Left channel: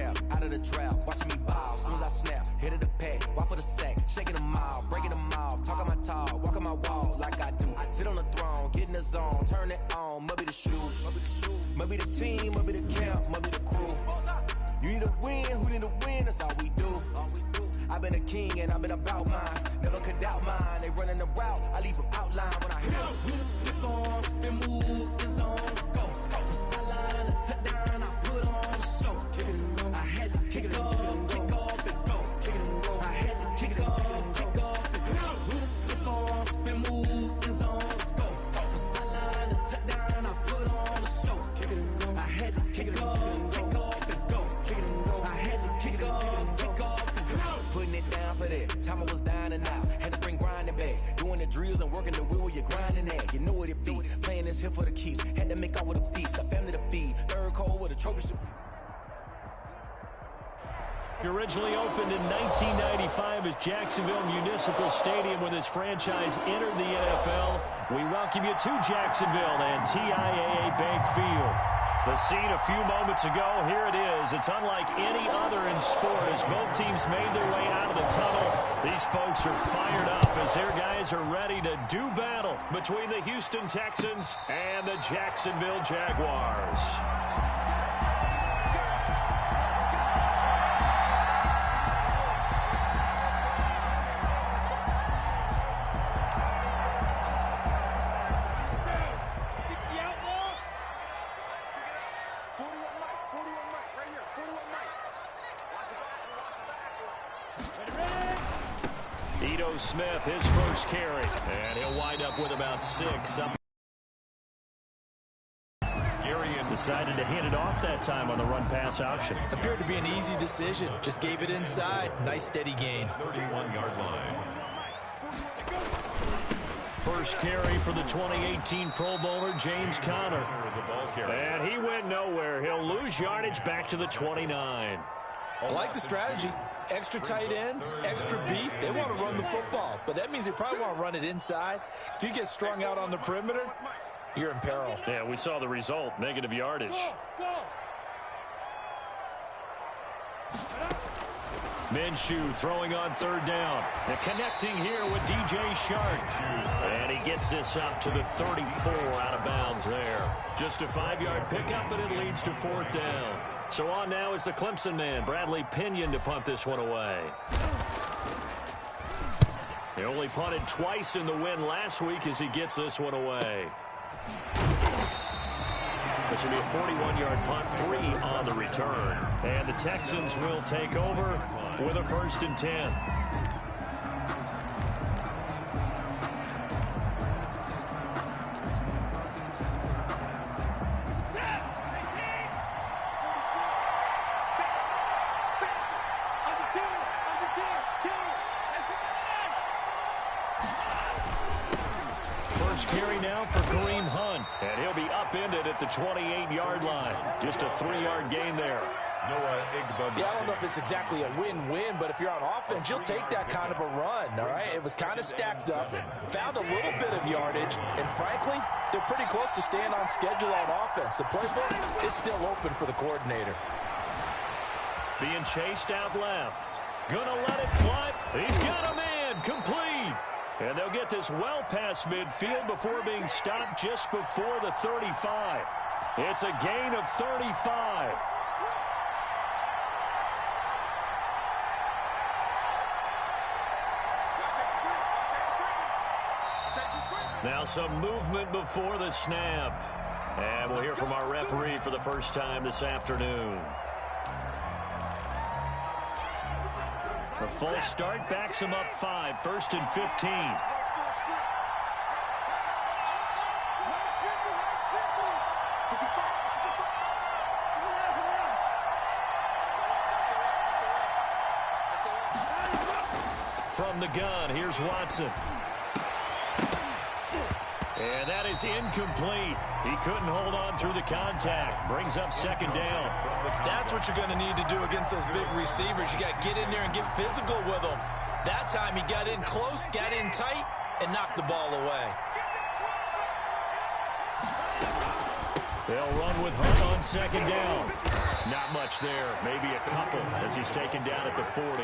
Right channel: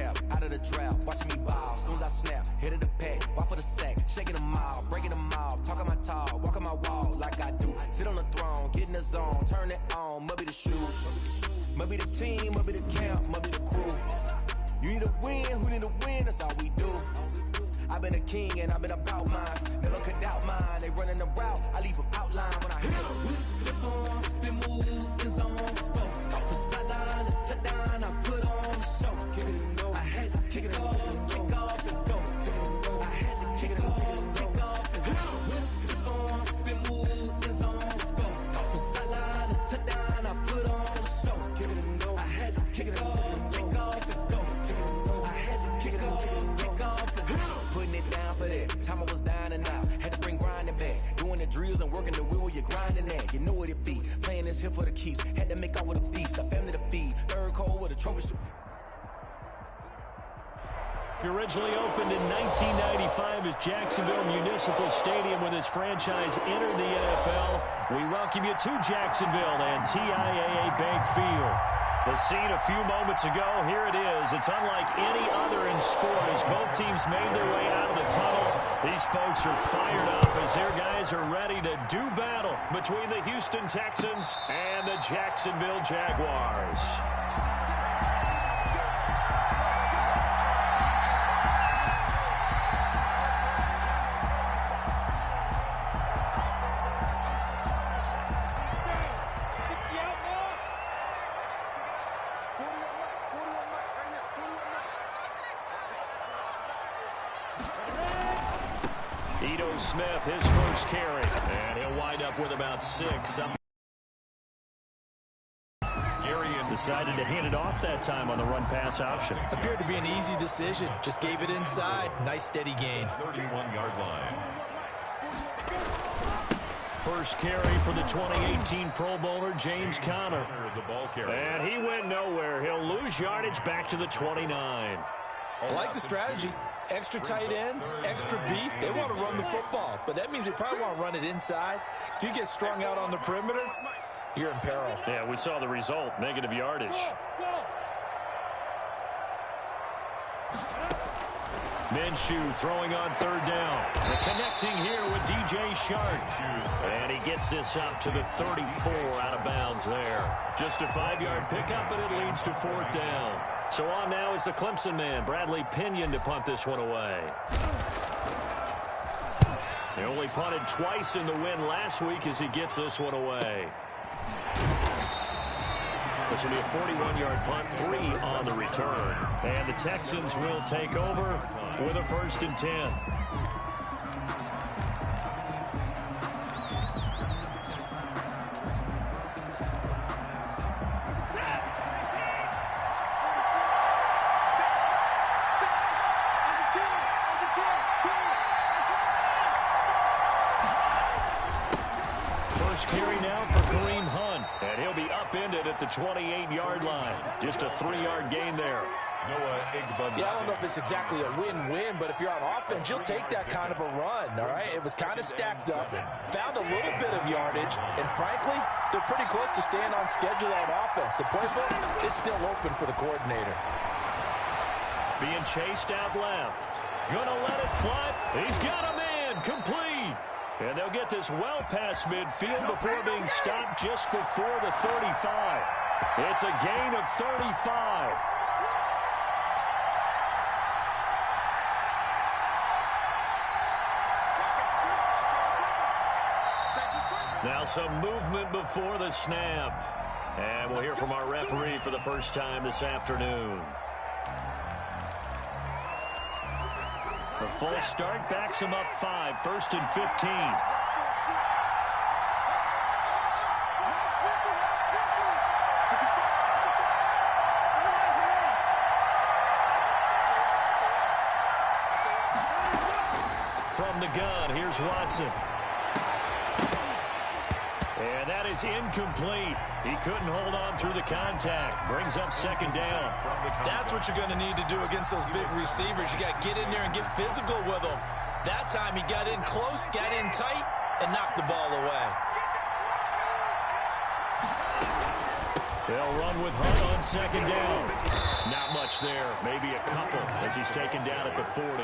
cap, out of the draft, watching me ball. Soon as I snap, hit of the pack, walk for the sack, shaking them all, breaking them all, talking my talk, walking my wall like I do. Sit on the throne, get in the zone, turn it on, must be the shoes, must be the team, must be the camp, must be the crew. You need a win, who need a win, that's all we do. I've been a king and I've been about mine, never could doubt mine. They running the route, I leave them outline when I hit them. Step on, spin move, in zone, go. The sideline, the touchdown, I put on a show. I had to kick off and go. I had to kick off and go. Step on, spin move, in zone, go. The sideline, the touchdown, I put on a show. I had to kick off and go. I had to kick off and go. Putting it down for that. Time I was dying and out. Had to bring grinding back. Doing the drills and working the wheel where you're grinding at. You know what it be. Playing this here for the keeps. Had to make out with a feast. A family to feed. Third cold with a trophy. Originally opened in 1995 as Jacksonville Municipal Stadium when this franchise entered the NFL. We welcome you to Jacksonville and TIAA Bank Field. The scene a few moments ago, here it is. It's unlike any other in sport as both teams made their way out of the tunnel. These folks are fired up as their guys are ready to do battle between the Houston Texans and the Jacksonville Jaguars. Smith, his first carry, and he'll wind up with about 6. Gary decided to hand it off that time on the run-pass option. Appeared to be an easy decision. Just gave it inside. Nice steady gain. 31-yard line. First carry for the 2018 Pro Bowler, James Conner. And he went nowhere. He'll lose yardage back to the 29. I like the strategy. Extra tight ends, extra beef. They want to run the football, but that means they probably want to run it inside. If you get strung out on the perimeter, you're in peril. Yeah, we saw the result, negative yardage. Minshew throwing on third down. And connecting here with DJ Shark. And he gets this up to the 34 out of bounds there. Just a 5-yard pickup, but it leads to 4th down. So on now is the Clemson man, Bradley Pinion, to punt this one away. He only punted twice in the win last week as he gets this one away. This will be a 41-yard punt, 3 on the return. And the Texans will take over with a 1st and 10. Carry now for Kareem Hunt, and he'll be upended at the 28-yard line. Just a 3-yard gain there. Yeah, I don't know if it's exactly a win-win, but if you're on offense, you'll take that kind of a run, all right? It was kind of stacked up, found a little bit of yardage, and frankly, they're pretty close to staying on schedule on offense. The playbook is still open for the coordinator. Being chased out left. Gonna let it fly. He's got a man. Complete. And they'll get this well past midfield before being stopped just before the 35. It's a gain of 35. Now some movement before the snap. And we'll hear from our referee for the first time this afternoon. The full start backs him up 5, 1st and 15. From the gun, here's Watson. And that is incomplete. He couldn't hold on through the contact. Brings up 2nd down. That's what you're going to need to do against those big receivers. You got to get in there and get physical with them. That time he got in close, got in tight, and knocked the ball away. They'll run with Hunt on second down. Not much there, maybe a couple as he's taken down at the 40.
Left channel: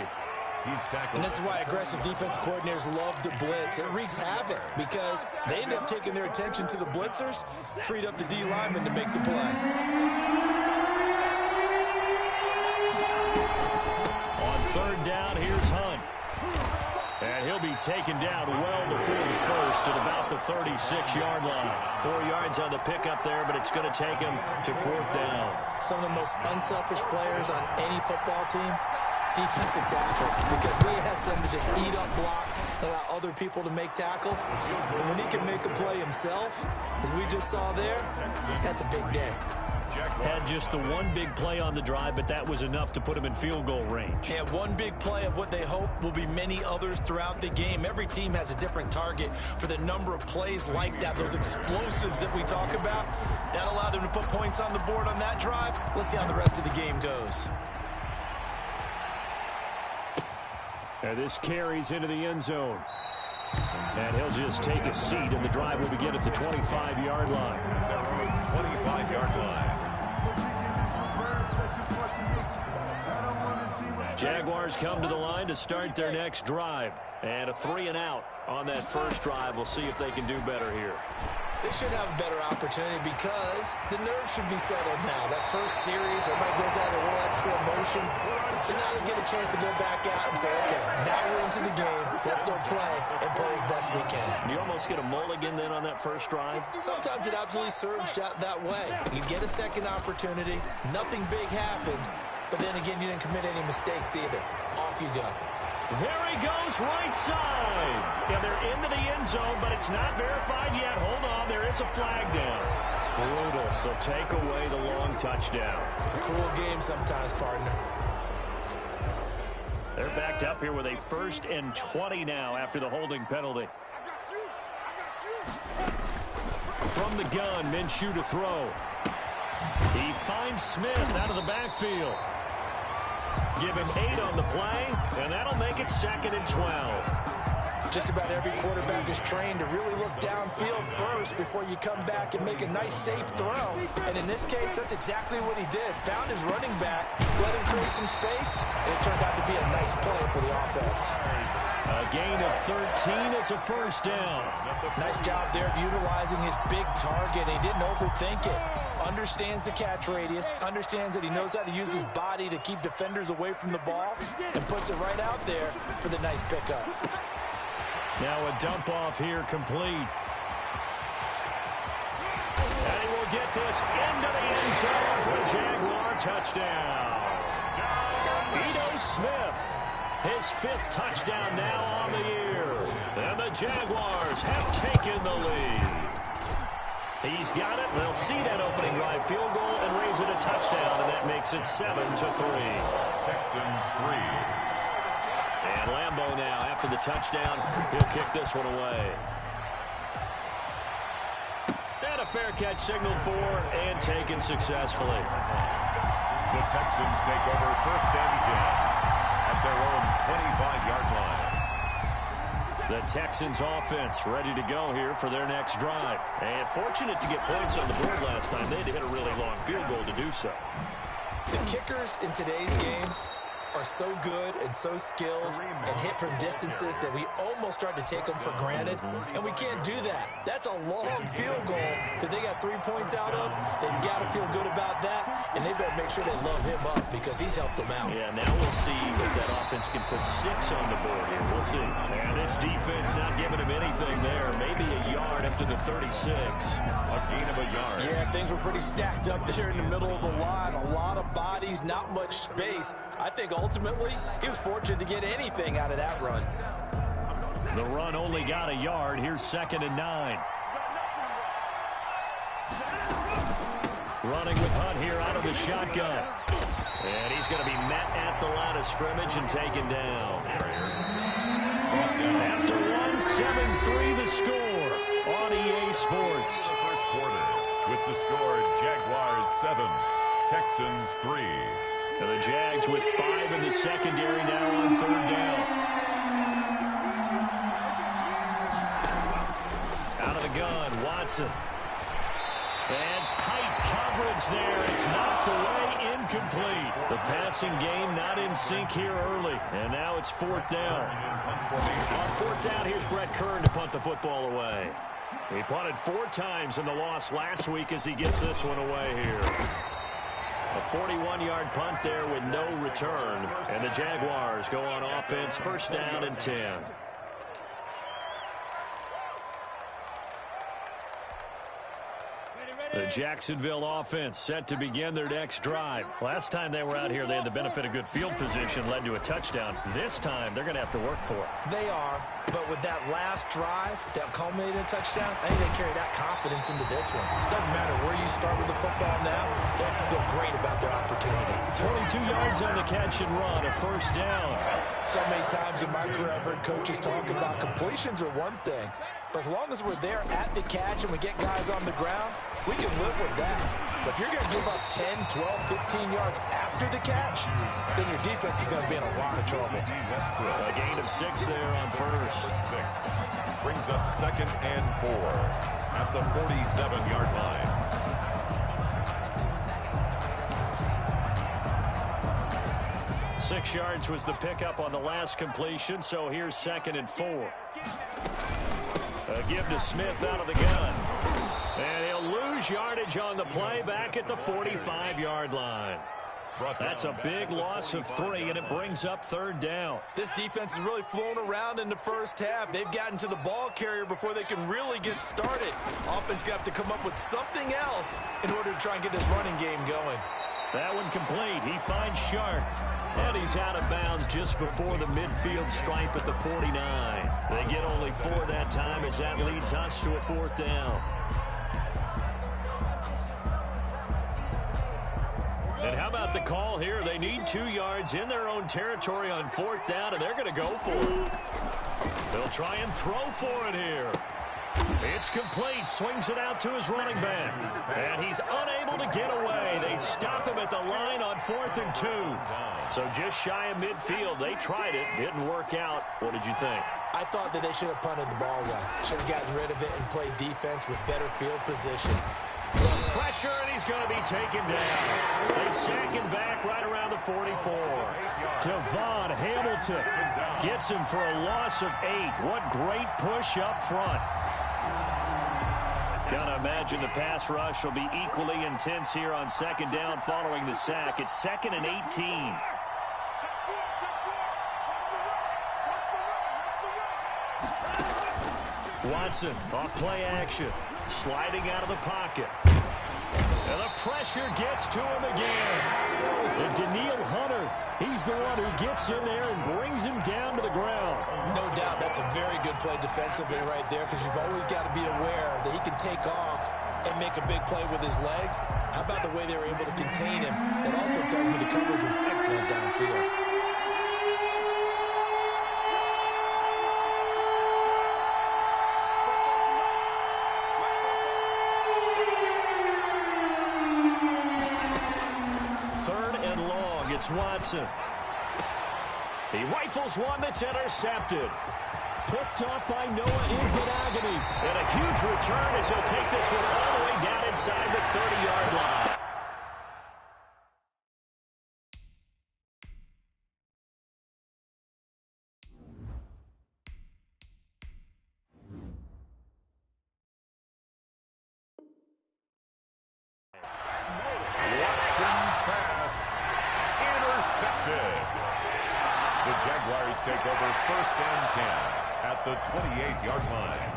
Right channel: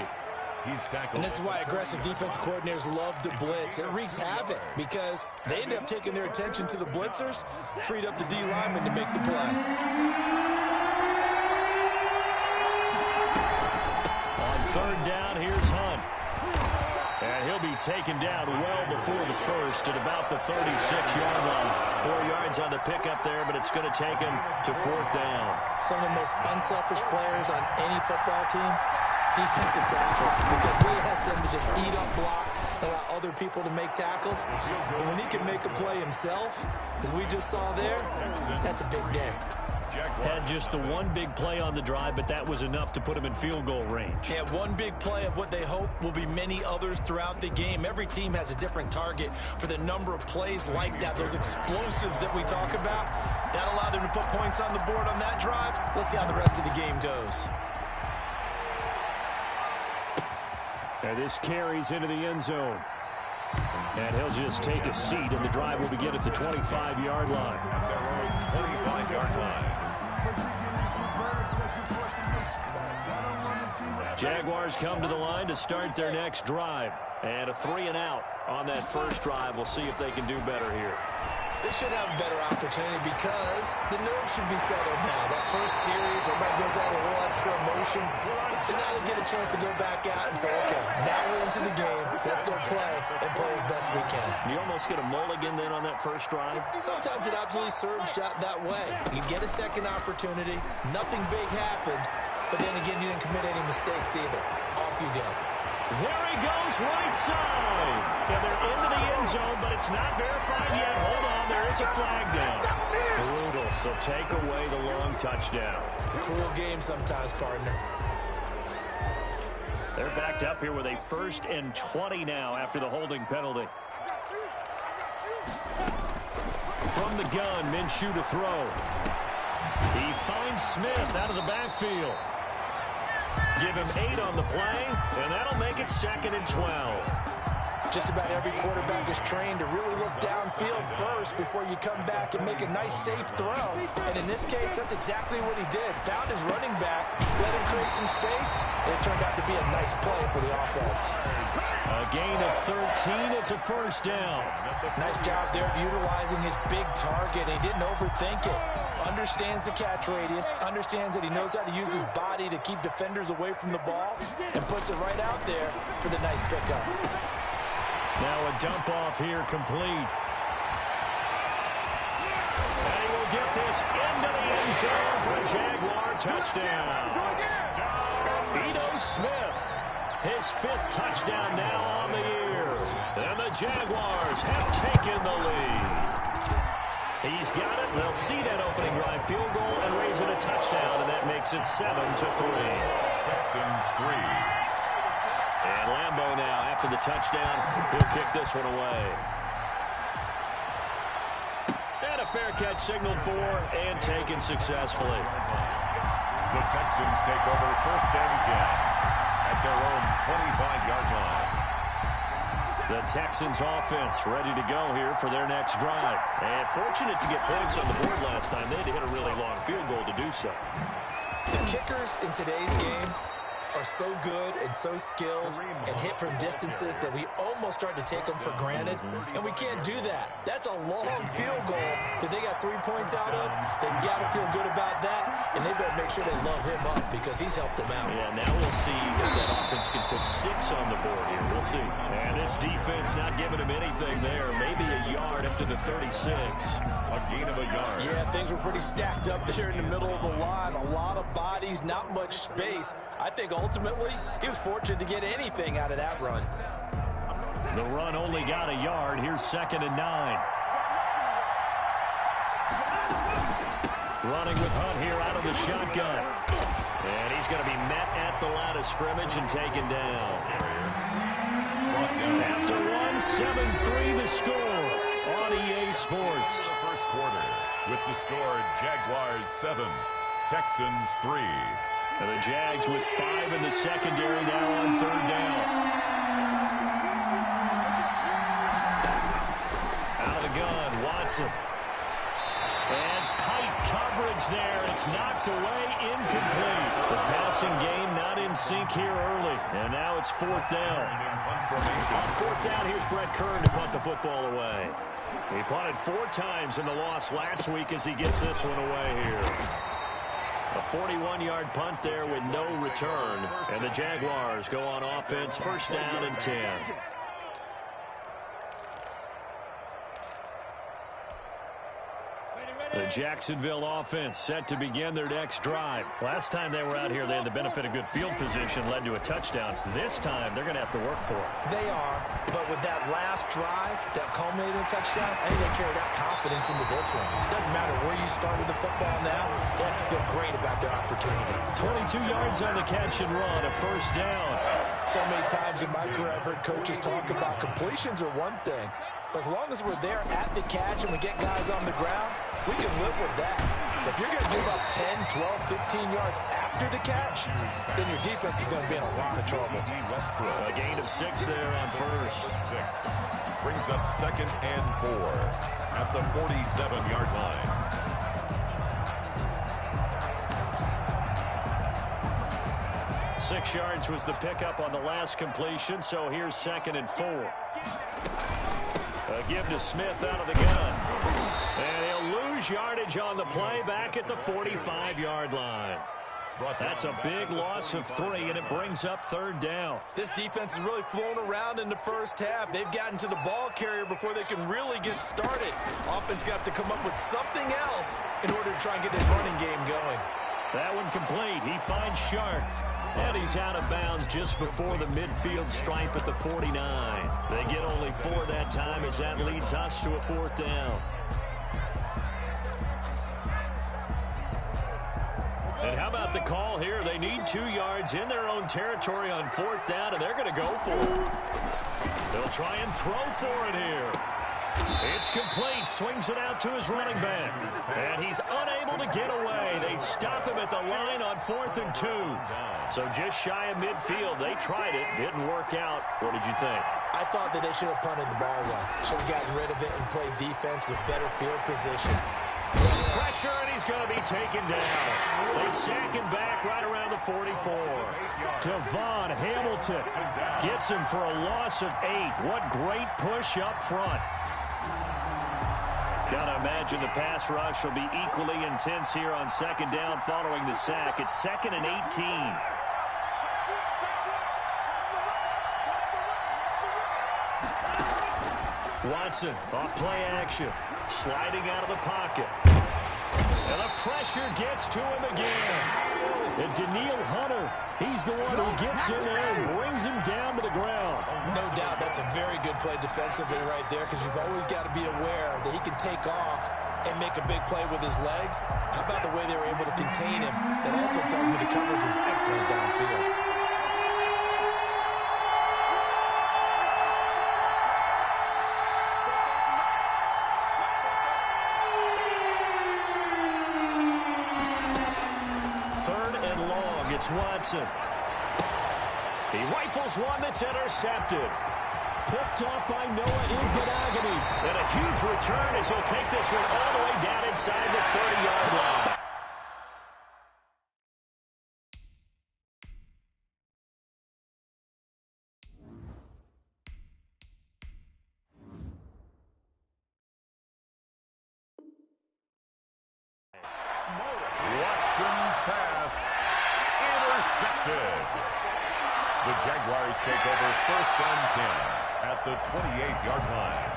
And this is why aggressive defensive coordinators love to blitz. It wreaks havoc because they end up taking their attention to the blitzers, freed up the D lineman to make the play. On third down, here's Hunt. And he'll be taken down well before the first at about the 36-yard line. 4 yards on the pickup there, but it's going to take him to fourth down. Some of the most unselfish players on any football team, defensive tackles, because we ask them to just eat up blocks and allow other people to make tackles. But when he can make a play himself, as we just saw there, that's a big day. Had just the one big play on the drive, but that was enough to put him in field goal range. Yeah, one big play of what they hope will be many others throughout the game. Every team has a different target for the number of plays like that, those explosives that we talk about. That allowed them to put points on the board on that drive. Let's see how the rest of the game goes. And this carries into the end zone. And he'll just take a seat, and the drive will begin at the 25-yard line. At their own 25-yard line. Jaguars come to the line to start their next drive. And a 3-and-out on that first drive. We'll see if they can do better here. They should have a better opportunity because the nerves should be settled now. That first series, everybody goes out a little extra emotion. So now they get a chance to go back out and say, okay, now we're into the game. Let's go play and play as best we can. You almost get a mulligan then on that first drive? Sometimes it absolutely serves that way. You get a second opportunity. Nothing big happened. But then again, you didn't commit any mistakes either. Off you go. There he goes, right side. Yeah, they're into the end zone, but it's not verified yet. Hold on, there is a flag down. Brutal, so take away the long touchdown. It's a cruel game sometimes, partner. They're backed up here with a 1st and 20 now after the holding penalty. From the gun, Minshew to throw. He finds Smith out of the backfield. Give him 8 on the play, and that'll make it 2nd and 12. Just about every quarterback is trained to really look downfield first before you come back and make a nice, safe throw. And in this case, that's exactly what he did. Found his running back, let him create some space, and it turned out to be a nice play for the offense. A gain of 13, it's a first down. Nice job there of utilizing his big target. He didn't overthink it. Understands the catch radius, understands that he knows how to use his body to keep defenders away from the ball, and puts it right out there for the nice pickup. Now a dump off here complete. And he will get this into the end zone for a Jaguar touchdown. Ito Smith, his 5th touchdown now on the year. And the Jaguars have taken the lead. He's got it. They'll see that opening drive field goal and raise it a touchdown, and that makes it 7-3. Texans 3. And Lambeau now, after the touchdown, he'll kick this one away. And a fair catch signaled for and taken successfully. The Texans take over 1st and 10 at their own 25-yard line. The Texans offense ready to go here for their next drive. And fortunate to get points on the board last time. They had to hit a really long field goal to do so. The kickers in today's game are so good and so skilled and hit from distances that we almost start to take them for granted, and we can't do that. That's a long field goal that they got 3 points out of. They've got to feel good about that, and they better make sure they love him up because he's helped them out. Yeah, now we'll see if that offense can put 6 on the board here. We'll see. And this defense not giving him anything there. Maybe a yard after the 36. A gain of a yard. Yeah, things were pretty stacked up there in the middle of the line. A lot of bodies, not much space. I think ultimately he was fortunate to get anything out of that run. The run only got a yard. Here's 2nd and 9. Running with Hunt here out of the shotgun. And he's going to be met at the line of scrimmage and taken down. After 1, 7-3 the score on EA Sports. The first quarter with the score Jaguars 7, Texans 3. And the Jags with 5 in the secondary now on 3rd down. Out of the gun, Watson. And tight coverage there. It's knocked away, incomplete. The passing game not in sync here early. And now it's fourth down. On fourth down, here's Brett Kern to punt the football away. He punted 4 times in the loss last week as he gets this one away here. A 41-yard punt there with no return. And the Jaguars go on offense, first down and 10. The Jacksonville offense set to begin their next drive. Last time they were out here, they had the benefit of good field position, led to a touchdown. This time, they're going to have to work for it. They are, but with that last drive that culminated in a touchdown, I think they carry that confidence into this one. It doesn't matter where you start with the football now. They have to feel great about their opportunity. 22 yards on the catch and run, a first down. So many times in my career, I've heard coaches talk about completions are one thing. But as long as we're there at the catch and we get guys on the ground, we can live with that. But if you're going to give up 10, 12, 15 yards after the catch, then your defense is going to be in a lot of trouble. A gain of 6 there on first. 6 brings up 2nd and 4 at the 47-yard line. Six yards was the pickup on the last completion, so here's 2nd and 4. A give to Smith out of the gun. And he'll lose yardage on the play back at the 45-yard line. That's a big loss of 3, and it brings up 3rd down. This defense is really flown around in the first half. They've gotten to the ball carrier before they can really get started. Offense got to come up with something else in order to try and get his running game going. That one complete. He finds Shark. And he's out of bounds just before the midfield stripe at the 49. They get only 4 that time as that leads us to a 4th down. And how about the call here? They need 2 yards in their own territory on 4th down, and they're going to go for it. They'll try and throw for it here. It's complete. Swings it out to his running back. And he's unable to get away. They stop him at the line on 4th and 2. So just shy of midfield. They tried it. Didn't work out. What did you think? I thought that they should have punted the ball away. Should have gotten rid of it and played defense with better field position. Pressure, and he's going to be taken down. They sack him back right around the 44. Devon Hamilton gets him for a loss of 8. What great push up front. Gotta imagine the pass rush will be equally intense here on 2nd down following the sack. It's 2nd and 18. Watson off play action. Sliding out of the pocket. And the pressure gets to him again. And Daniil Hunter, he's the one who gets in there and brings him down to the ground. No doubt that's a very good play defensively right there, because you've always got to be aware that he can take off and make a big play with his legs. How about the way they were able to contain him? That also tells me the coverage was excellent downfield. It's Watson. He rifles one that's intercepted. Picked off by Noah Igbinoghene. And a huge return as he'll take this one all the way down inside the 30-yard line. Watson's pass intercepted. The Jaguars take over 1st and 10 at the 28-yard line.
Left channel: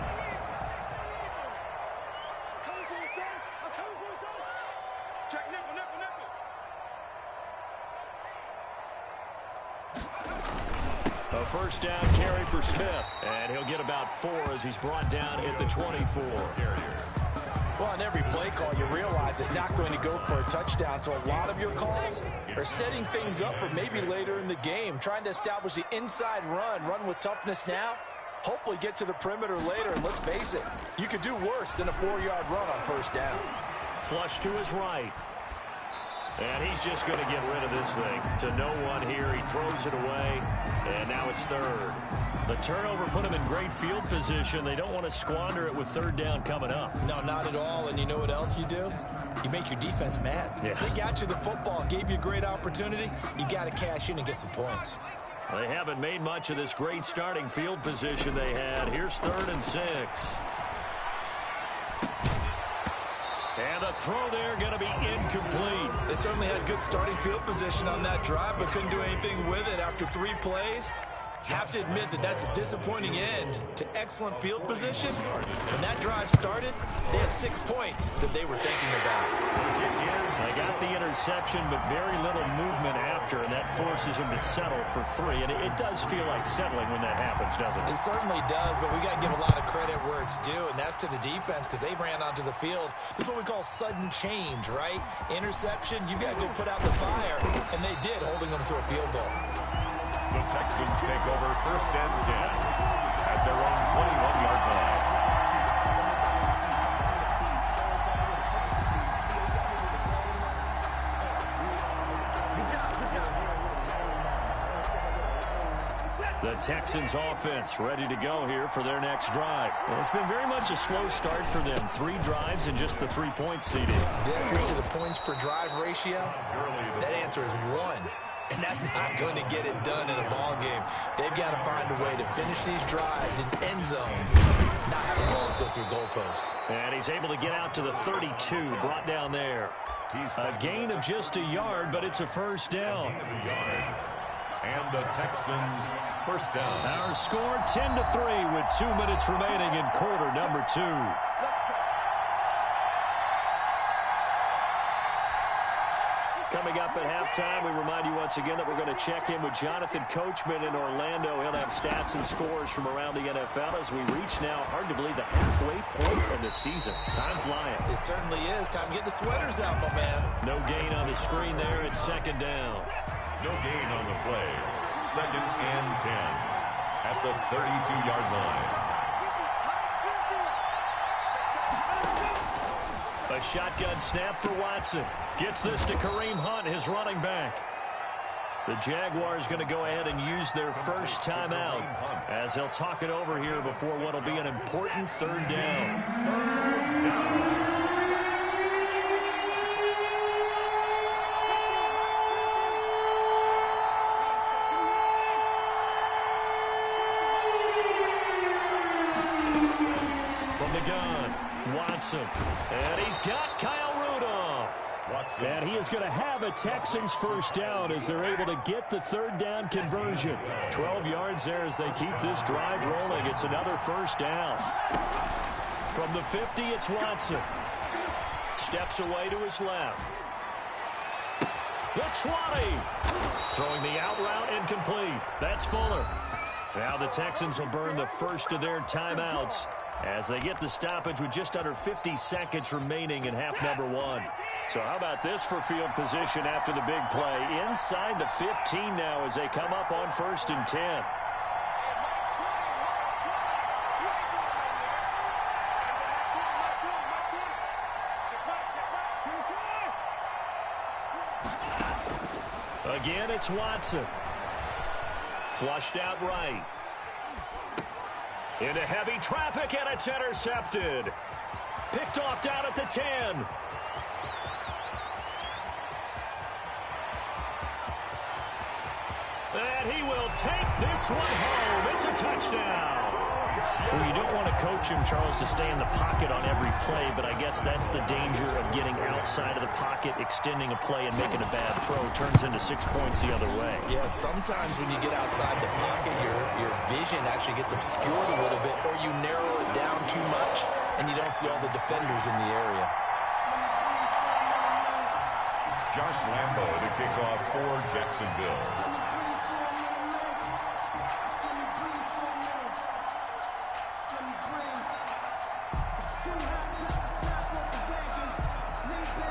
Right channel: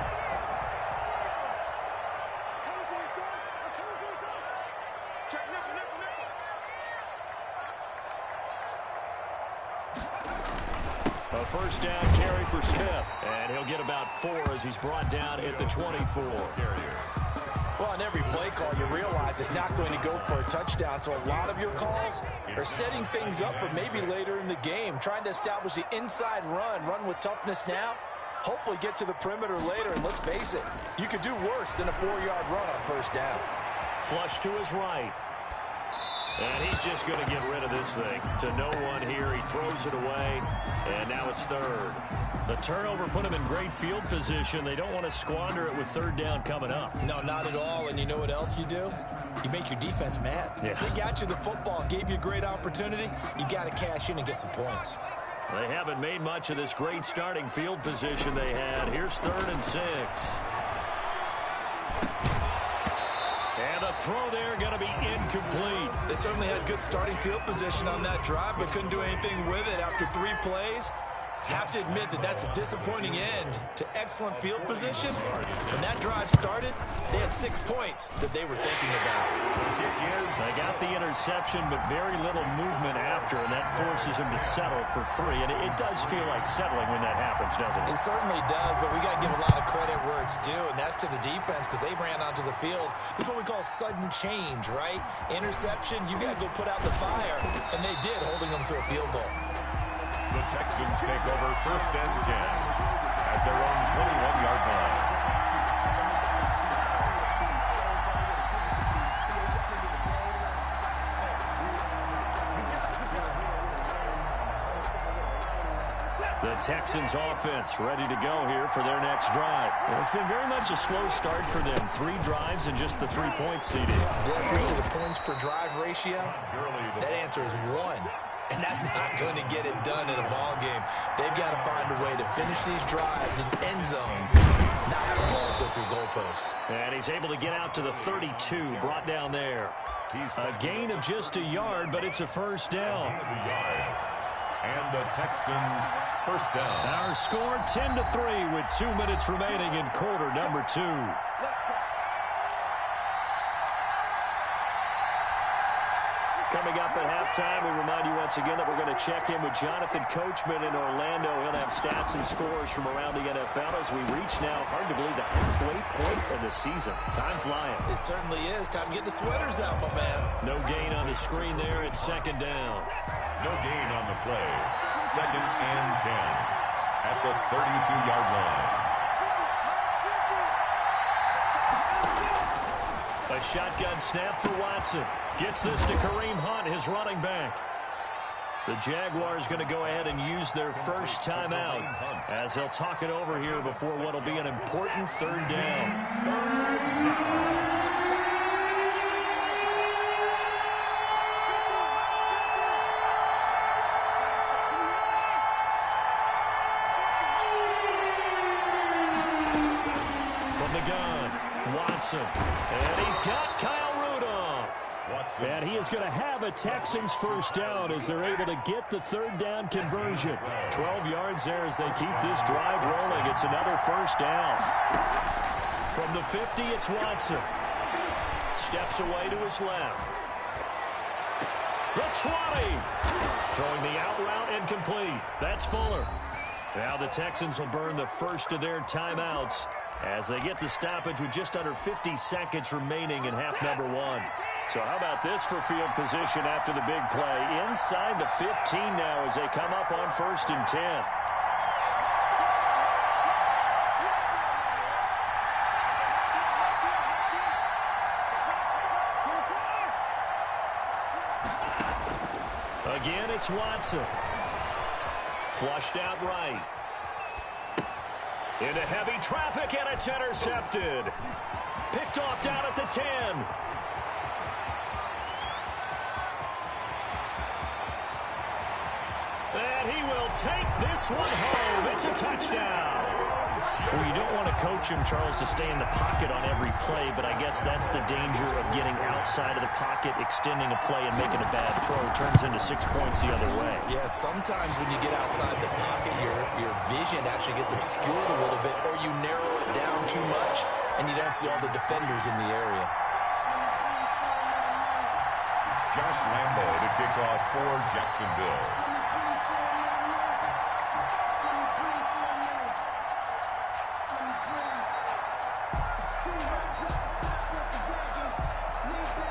A first down carry for Smith, and he'll get about 4 as he's brought down at the 24. Well, on every play call, you realize it's not going to go for a touchdown, so a lot of your calls are setting things up for maybe later in the game, trying to establish the inside run with toughness now, hopefully get to the perimeter later, and let's face it, you could do worse than a 4-yard run on first down. Flush to his right. And he's just going to get rid of this thing. To no one here. He throws it away, and now it's third. The turnover put him in great field position. They don't want to squander it with third down coming up. No, not at all. And you know what else you do? You make your defense mad. Yeah. They got you the football, gave you a great opportunity. You got to cash in and get some points. They haven't made much of this great starting field position they had. Here's 3rd and 6. And the throw there going to be incomplete. They certainly had good starting field position on that drive, but couldn't do anything with it after 3 plays. Have to admit that that's a disappointing end to excellent field position. When that drive started, they had 6 points that they were thinking about. They got the interception, but very little movement after, and that forces them to settle for 3. And it does feel like settling when that happens, doesn't it? It certainly does, but we got to give a lot of credit where it's due, and that's to the defense because they ran onto the field. This is what we call sudden change, right? Interception, you got to go put out the fire, and they did, holding them to a field goal. The Texans take over 1st and 10 at their own 21-yard line. The Texans offense ready to go here for their next drive. Well, it's been very much a slow start for them. 3 drives and just the 3 points seeded. Did reach to the points per drive ratio? That answer is 1. And that's not going to get it done in a ball game. They've got to find a way to finish these drives in end zones, not having balls go through goalposts. And he's able to get out to the 32, brought down there. A gain of just a yard, but it's a first down. And the Texans first down. Our score 10-3 with 2 minutes remaining in quarter number 2. Coming up at halftime, we remind you once again that we're going to check in with Jonathan Coachman in Orlando. He'll have stats and scores from around the NFL as we reach now, hard to believe, the halfway point of the season. Time flying. It certainly is. Time to get the sweaters out, my man. No gain on the screen there. It's 2nd down. No gain on the play. 2nd and 10 at the 32-yard line. A shotgun snap for Watson. Gets this to Kareem Hunt, his running back. The Jaguars going to go ahead and use their first timeout as they'll talk it over here before what will be an important 3rd down. From the gun, Watson. And he's got Kyle Rudolph. And he is going to have a Texans first down as they're able to get the 3rd down conversion. 12 yards there as they keep this drive rolling. It's another first down. From the 50, it's Watson. Steps away to his left. The 20. Throwing the out route incomplete. That's Fuller. Now the Texans will burn the first of their timeouts as they get the stoppage with just under 50 seconds remaining in half number 1. So how about this for field position after the big play? Inside the 15 now as they come up on 1st and 10. Again, it's Watson. Flushed out right. Into heavy traffic, and it's intercepted. Picked off down at the 10. And he will take this one home. It's a touchdown. Well, you don't want to coach him, Charles, to stay in the pocket on every play, but I guess that's the danger of getting outside of the pocket, extending a play, and making a bad throw. Turns into 6 points the other way. Yeah, sometimes when you get outside the pocket, your vision actually gets obscured a little bit, or you narrow it down too much, and you don't see all the defenders in the area. Josh Lambo to kick off for Jacksonville.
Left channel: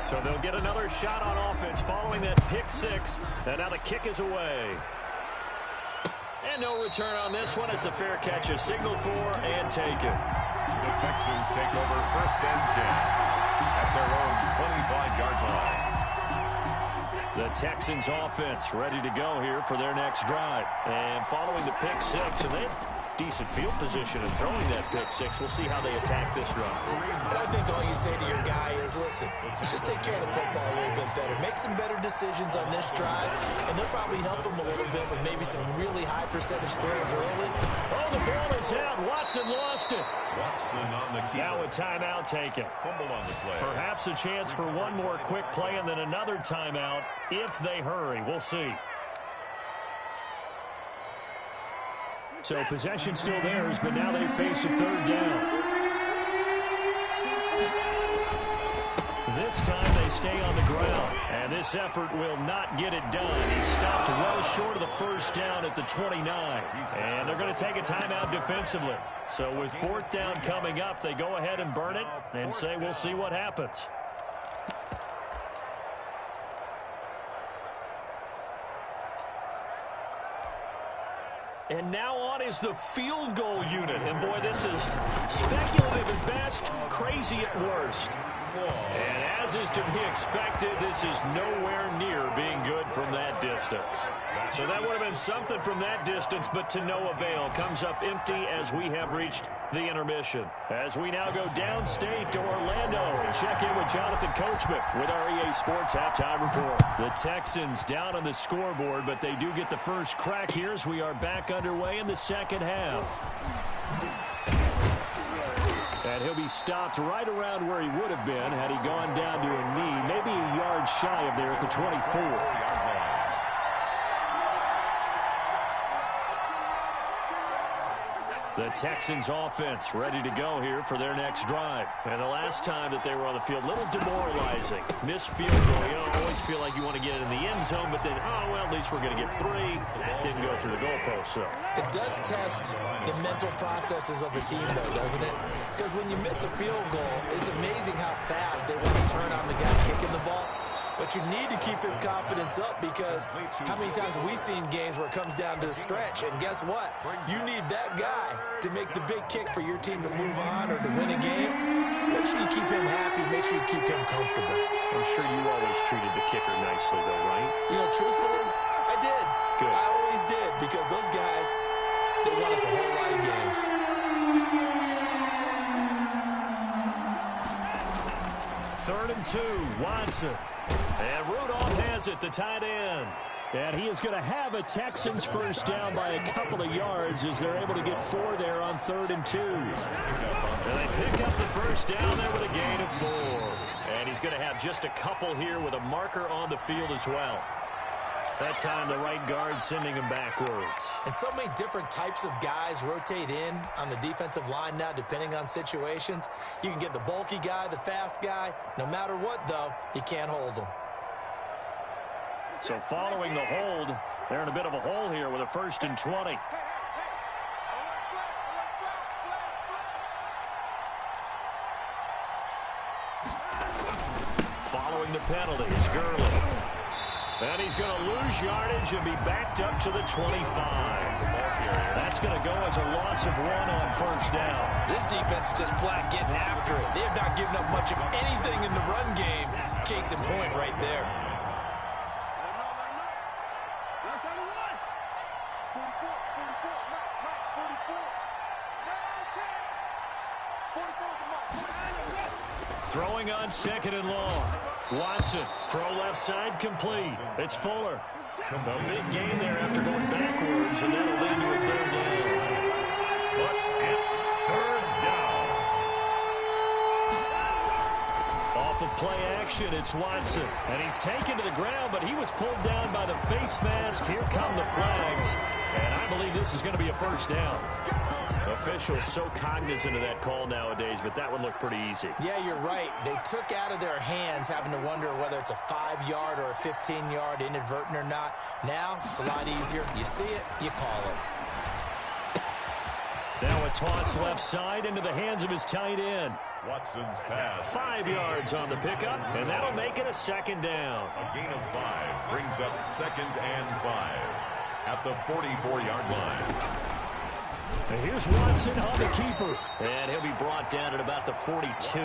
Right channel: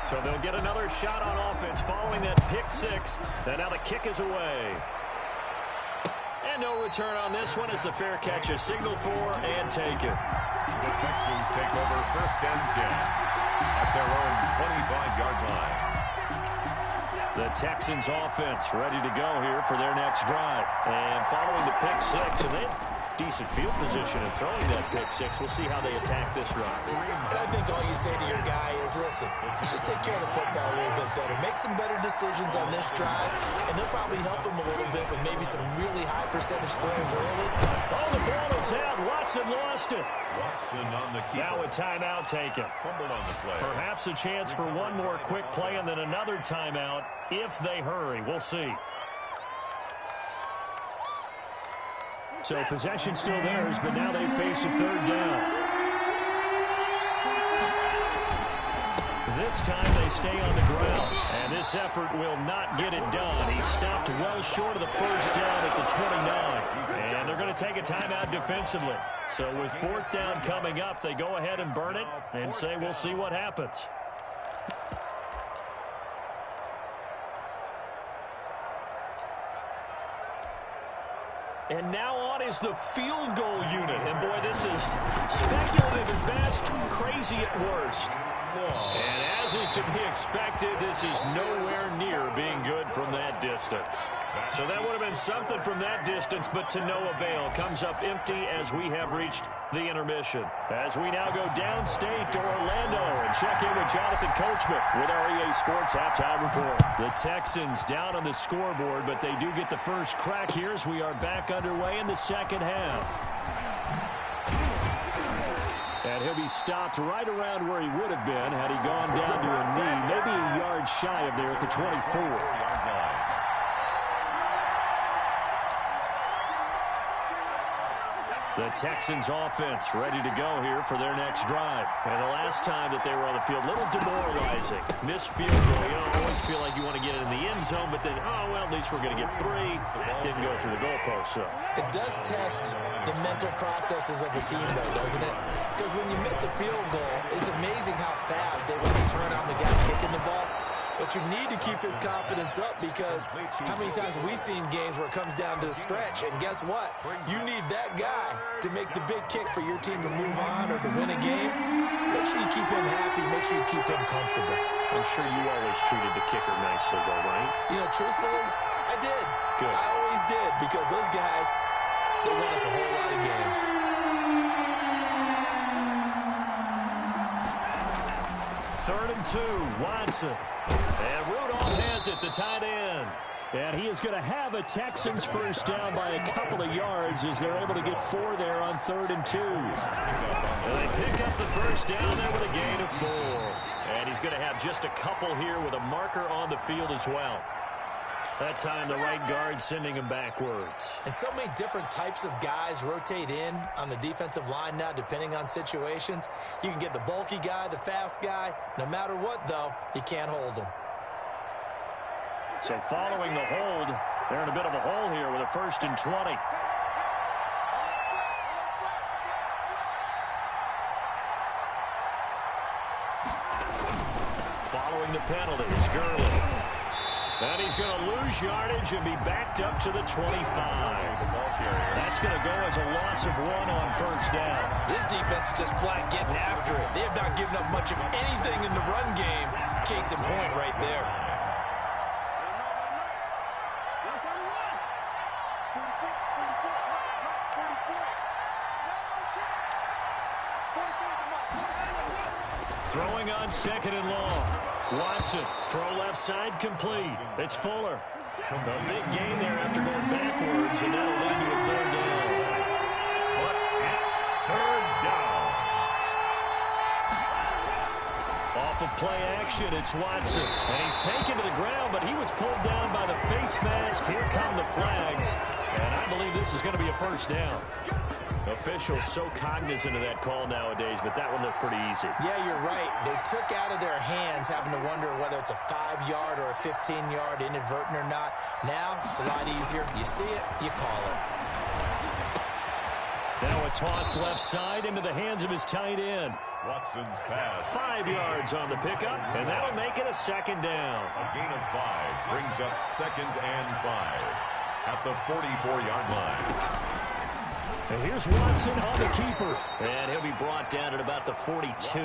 So they'll get another shot on offense following that pick 6. And now the kick is away. And no return on this one as the fair catch is signaled for and taken. The Texans take over 1st and 10 at their own 25-yard line. The Texans offense ready to go here for their next drive. And following the pick six, and they have decent field position in throwing that pick six. We'll see how they attack this drive. And I think all you say to your guy is, listen, just take care of the football a little bit better. Make some better decisions on this drive, and they'll probably help him a little bit with maybe some really high percentage throws early. Oh, the ball is out. Watson lost it. Watson on the keeper. Now a timeout taken. Fumble on the play. Perhaps a chance for one more quick play and then another timeout if they hurry. We'll see. So possession still theirs, but now they face a third down. This time they stay on the ground, and this effort will not get it done. He stopped well short of the first down at the 29, and they're going to take a timeout defensively. So with fourth down coming up, they go ahead and burn it and say we'll see what happens. And now on is the field goal unit. And, boy, this is speculative at best, crazy at worst. And as is to be expected, this is nowhere near being good from that distance. So that would have been something from that distance, but to no avail. Comes up empty as we have reached the intermission. As we now go downstate to Orlando and check in with Jonathan Coachman with our EA Sports Halftime Report. The Texans down on the scoreboard, but they do get the first crack here as we are back underway in the second half. And he'll be stopped right around where he would have been had he gone down to a knee, maybe a yard shy of there at the 24. The Texans offense ready to go here for their next drive. And the last time that they were on the field, a little demoralizing. Missed field goal. You always feel like you want to get it in the end zone, but then, oh, well, at least we're going to get three. Didn't go through the goalpost, so. It does test the mental processes of the team, though, doesn't it? Because when you miss a field goal, it's amazing how fast they want to turn on the guy kicking the ball. But you need to keep his confidence up because how many times have we seen games where it comes down to the stretch? And guess what? You need that guy to make the big kick for your team to move on or to win a game. Make sure you keep him happy. Make sure you keep him comfortable. I'm sure you always treated the kicker nicely, though, right? You know, truthfully, I did. Good. I always did because those guys, they won us a whole lot of games. Third and 2, Watson. And Rudolph has it, the tight end. And he is going to have a Texans first down by a couple of yards as they're able to get 4 there on 3rd and 2. And they pick up the first down there with a gain of 4. And he's going to have just a couple here with a marker on the field as well. That time the right guard sending him backwards. And so many different types of guys rotate in on the defensive line now depending on situations. You can get the bulky guy, the fast guy. No matter what, though, you can't hold them. So following the hold, they're in a bit of a hole here with a 1st and 20. Following the penalty is Gurley. And he's going to lose yardage and be backed up to the 25. That's going to go as a loss of 1 on 1st down. This defense is just flat getting after it. They have not given up much of anything in the run game. Case in point right there. Throwing on 2nd and long. Watson, throw left side, complete. It's Fuller. A big gain there after going backwards, and that'll lead to a 3rd down. But it's 3rd down. Off of play action, it's Watson. And he's taken to the ground, but he was pulled down by the face mask. Here come the flags. And I believe this is going to be a 1st down. Officials so cognizant of that call nowadays, but that one looked pretty easy. Yeah, you're right. They took out of their hands having to wonder whether it's a 5-yard or a 15-yard inadvertent or not. Now, it's a lot easier. You see it, you call it. Now a toss left side into the hands of his tight end. Watson's pass. 5 yards on the pickup, and that'll make it a 2nd down. A gain of 5 brings up 2nd and 5 at the 44-yard line. And here's Watson on the keeper. And he'll be brought down at about the 42.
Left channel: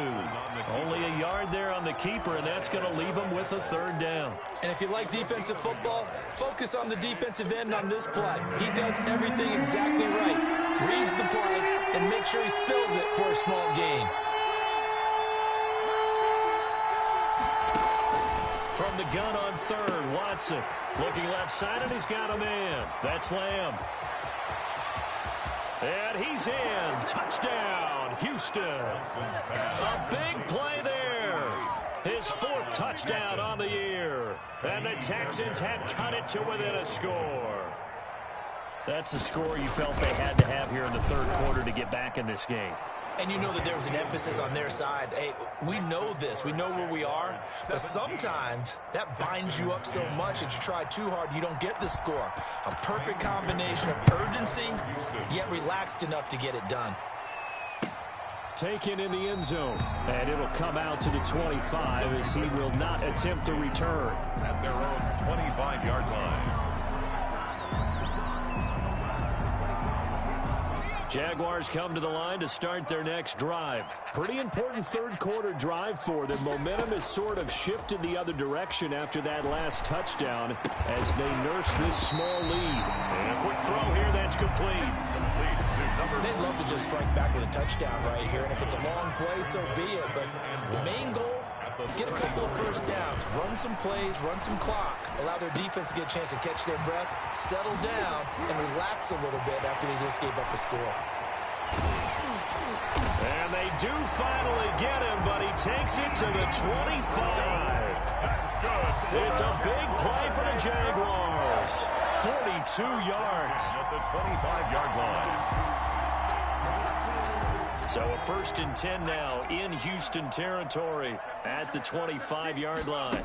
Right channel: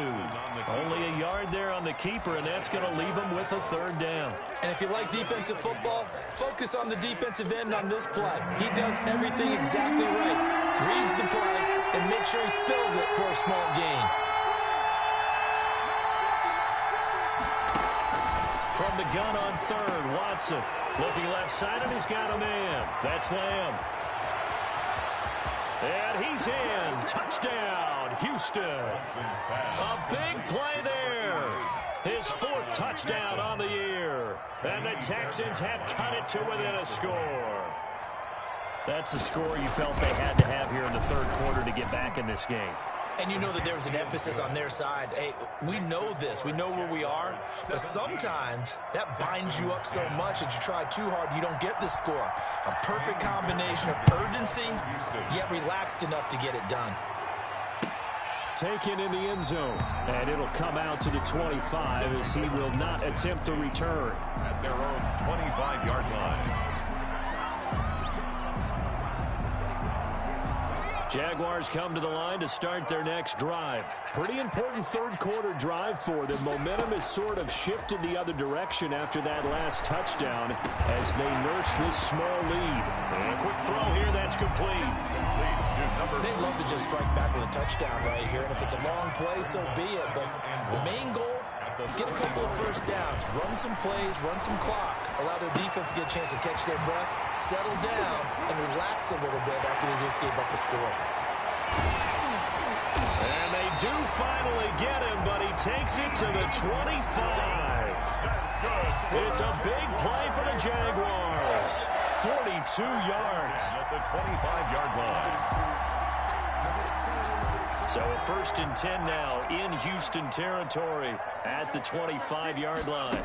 Only a yard there on the keeper, and that's going to leave him with a third down. And if you like defensive football, focus on the defensive end on this play. He does everything exactly right. Reads the play and makes sure he spills it for a small gain. From the gun on third, Watson looking left side, and he's got a man. That's Lamb. And he's in. Touchdown, Houston. A big play there. His fourth touchdown on the year. And the Texans have cut it to within a score. That's a score you felt they had to have here in the third quarter to get back in this game. And you know that there was an emphasis on their side. Hey, we know this. We know where we are. But sometimes that binds you up so much that you try too hard, you don't get the score. A perfect combination of urgency, yet relaxed enough to get it done. Taken in the end zone. And it'll come out to the 25 as he will not attempt a return. At their own 25-yard line. Jaguars come to the line to start their next drive. Pretty important third quarter drive for them. Momentum has sort of shifted the other direction after that last touchdown as they nurse this small lead. And a quick throw here, that's complete. They'd love to just strike back with a touchdown right here, and if it's a long play, so be it. But the main goal, get a couple of first downs, run some plays, run some clock, allow their defense to get a chance to catch their breath, settle down, and relax a little bit after they just gave up a score. And they do finally get him, but he takes it to the 25. It's a big play for the Jaguars. 42 yards. At the 25-yard line. So a 1st and 10 now in Houston territory at the 25-yard line.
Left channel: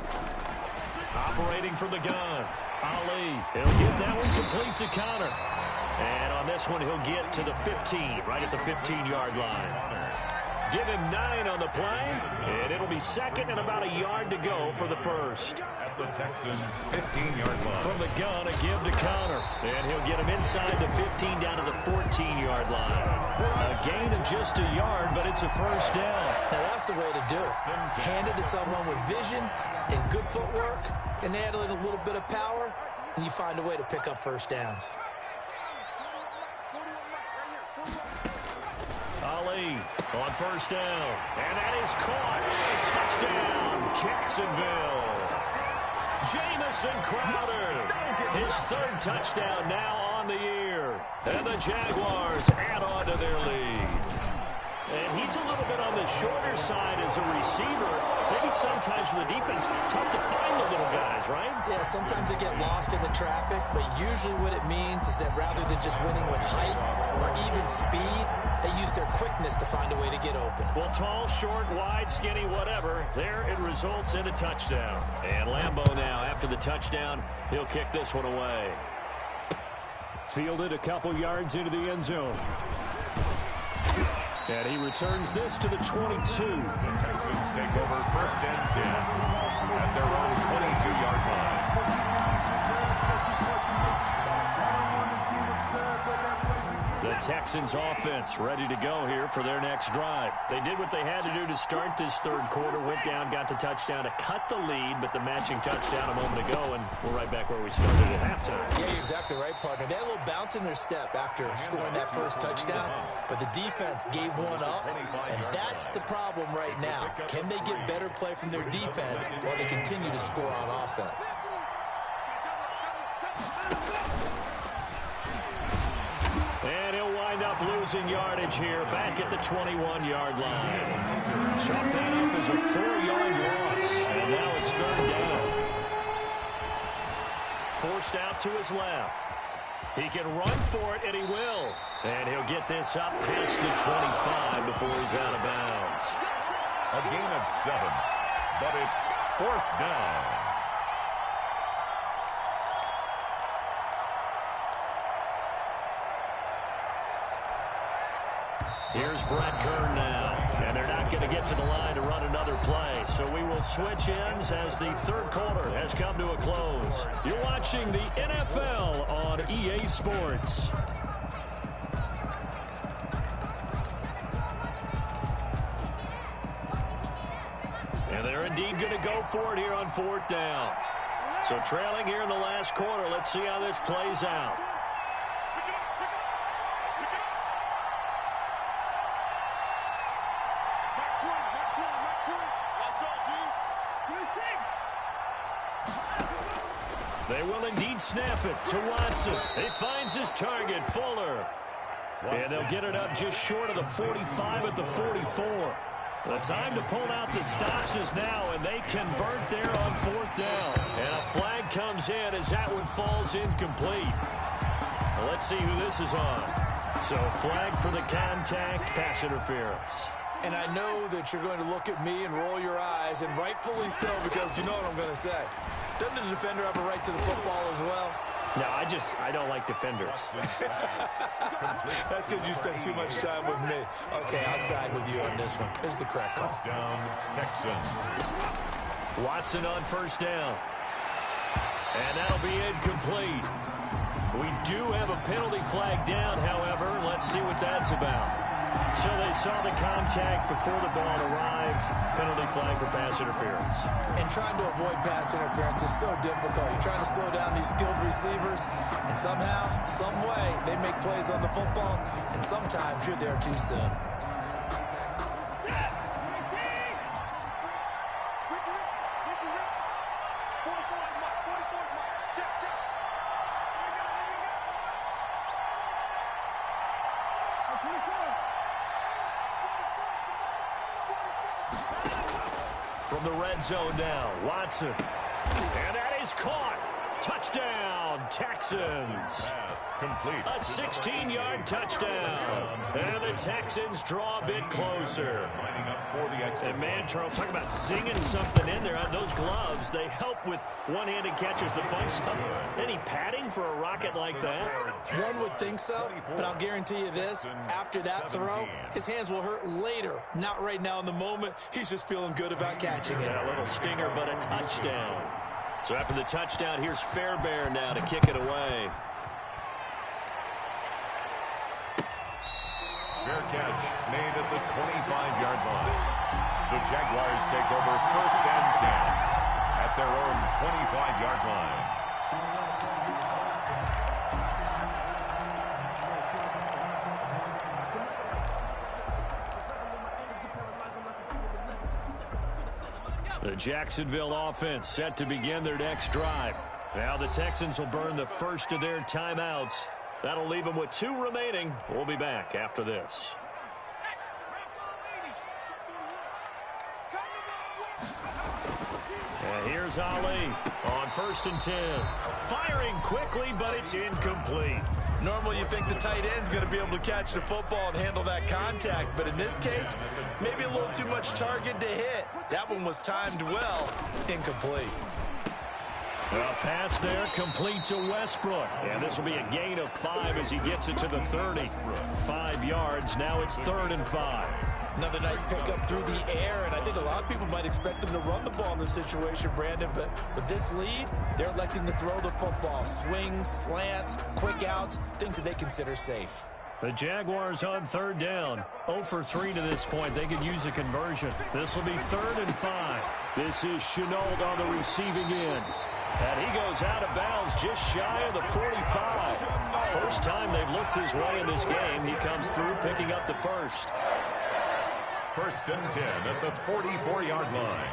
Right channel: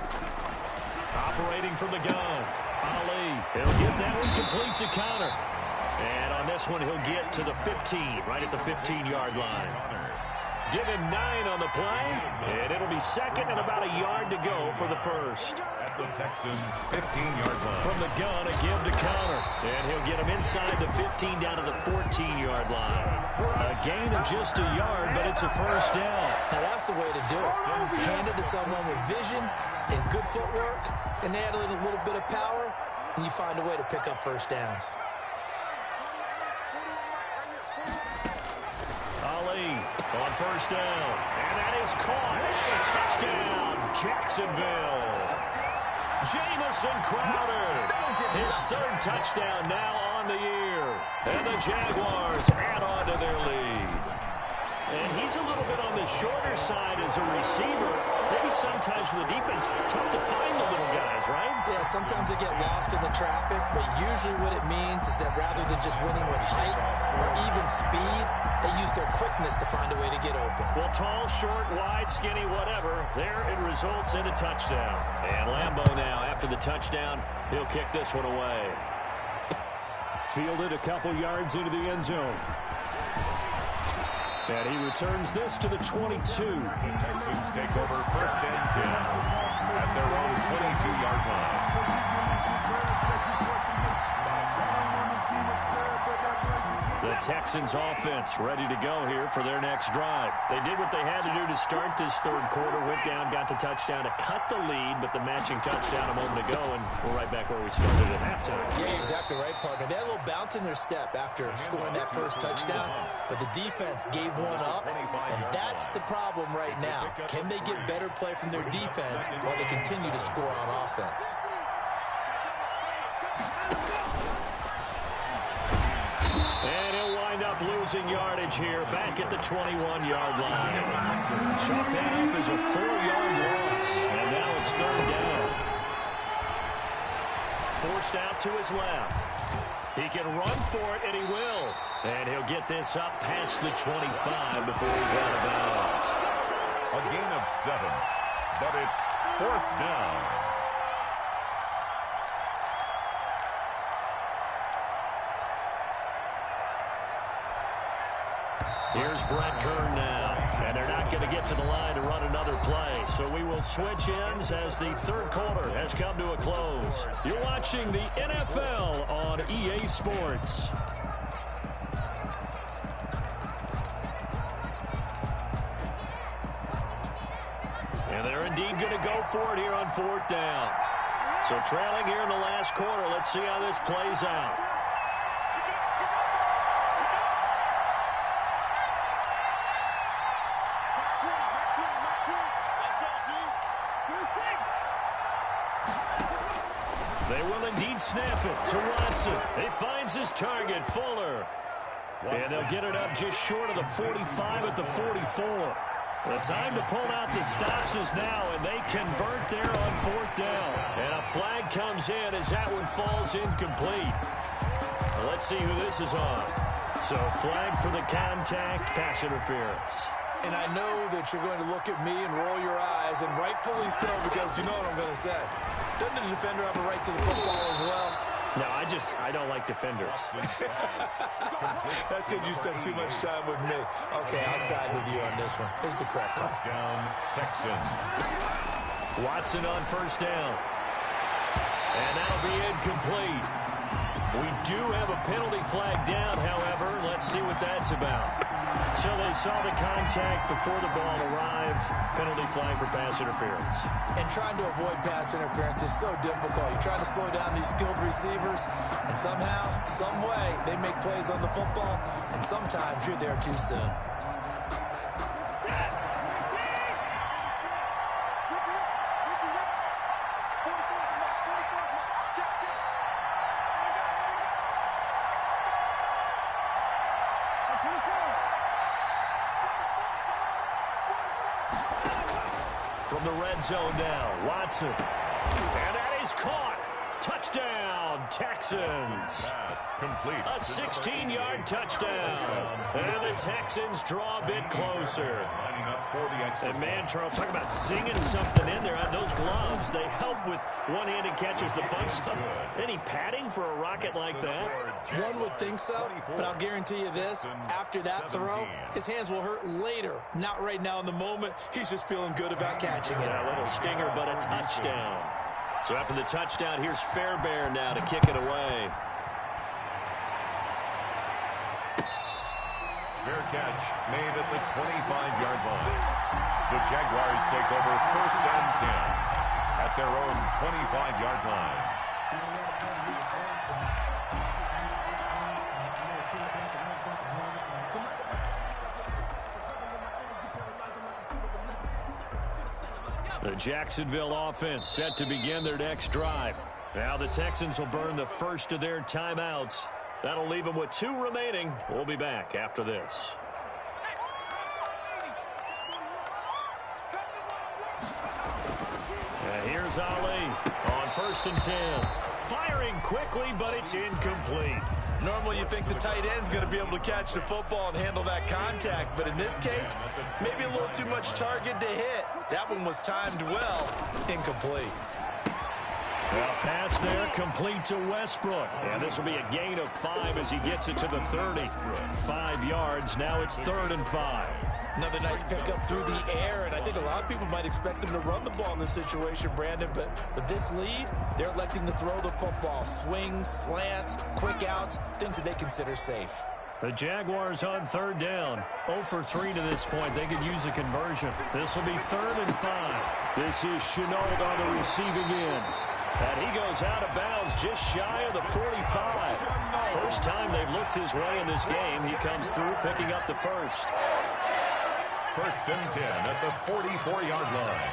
Operating from the gun. Ali, he'll get that one complete to Connor. And on this one, he'll get to the 15, right at the 15-yard line. Give him 9 on the play, and it'll be second and about a yard to go for the first. At the Texans' 15-yard line. From the gun, a give to Connor. And he'll get him inside the 15 down to the 14-yard line. A gain of just a yard, but it's a first down. Now that's the way to do it. Hand it to someone with vision and good footwork, and add in a little bit of power, and you find a way to pick up first downs. Ali on first down, and that is caught. Touchdown, Jacksonville. Jamison Crowder, his third touchdown now on the year. And the Jaguars add on to their lead. And he's a little bit on the shorter side as a receiver. Maybe sometimes for the defense, tough to find the little guys, right? Yeah, sometimes they get lost in the traffic, but usually what it means is that rather than just winning with height or even speed, they use their quickness to find a way to get open. Well, tall, short, wide, skinny, whatever, there it results in a touchdown. And Lambeau now, after the touchdown, he'll kick this one away. Fielded a couple yards into the end zone. And he returns this to the 22. The Texans take over 1st and 10 at their own 22-yard line. The Texans offense ready to go here for their next drive. They did what they had to do to start this third quarter, went down, got the touchdown to cut the lead, but the matching touchdown a moment ago, and we're right back where we started at halftime. Yeah, you're exactly right, partner. They had a little bounce in their step after scoring that first touchdown, but the defense gave one up, and that's the problem right now. Can they get better play from their defense while they continue to score on offense? And he'll wind up losing yardage here back at the 21-yard line. Chalk that up as a 4-yard loss, and now it's third down. Forced out to his left. He can run for it, and he will. And he'll get this up past the 25 before he's out of bounds. A gain of 7, but it's 4th down. Here's Brett Kern now, and they're not going to get to the line to run another play. So we will switch ends as the third quarter has come to a close. You're watching the NFL on EA Sports. indeed going to go for it here on 4th down. So trailing here in the last quarter. Let's see how this plays out. They will indeed snap it to Watson. He finds his target, Fuller. And they'll get it up just short of the 45 at the 44. The time to pull out the stops is now, and they convert there on 4th down. And a flag comes in as that one falls incomplete. Now let's see who this is on. So flag for the contact, pass interference. And I know that you're going to look at me and roll your eyes, and rightfully so, because you know what I'm going to say. Doesn't the defender have a right to the football as well? No, I don't like defenders. That's because you spent too much time with me. Okay, I'll side with you on this one. Here's the correct call. First down, Texans. Watson on 1st down. And that'll be incomplete. We do have a penalty flag down, however. Let's see what that's about. So they saw the contact before the ball arrived. Penalty flag for pass interference. And trying to avoid pass interference is so difficult. You're trying to slow down these skilled receivers, and somehow, some way, they make plays on the football, and sometimes you're there too soon. From the red zone now, Watson. And that is caught. Touchdown, Texans. Pass complete. A 16-yard touchdown. And the Texans draw a bit closer. Lining up for the extra. And man, Charles, talk about singing something in there. Those gloves, they help with one-handed catches, the fun stuff. Any padding for a rocket like that? One would think so, but I'll guarantee you this. After that throw, his hands will hurt later. Not right now in the moment. He's just feeling good about catching it. Yeah, a little stinger, but a touchdown. So after the touchdown, here's Fairbairn now to kick it away. Fair catch made at the 25-yard line. The Jaguars take over 1st and 10 at their own 25-yard line. The Jacksonville offense set to begin their next drive. Now the Texans will burn the first of their timeouts. That'll leave them with 2 remaining. We'll be back after this. And here's Ali on 1st and 10. Firing quickly, but it's incomplete. Normally you think the tight end's going to be able to catch the football and handle that contact, but in this case, maybe a little too much target to hit. That one was timed well. Incomplete. A pass there complete to Westbrook. And this will be a gain of 5 as he gets it to the 30. 5 yards. Now it's 3rd and 5. Another nice pickup through the air, and I think a lot of people might expect them to run the ball in this situation, Brandon, but with this lead, they're electing to throw the football. Swings, slants, quick outs, things that they consider safe. The Jaguars on 3rd down. 0 for 3 to this point. They could use a conversion. This will be 3rd and 5. This is Chenault on the receiving end. And he goes out of bounds just shy of the 45. First time they've looked his way in this game. He comes through picking up the first. 1st and 10 at the 44-yard line.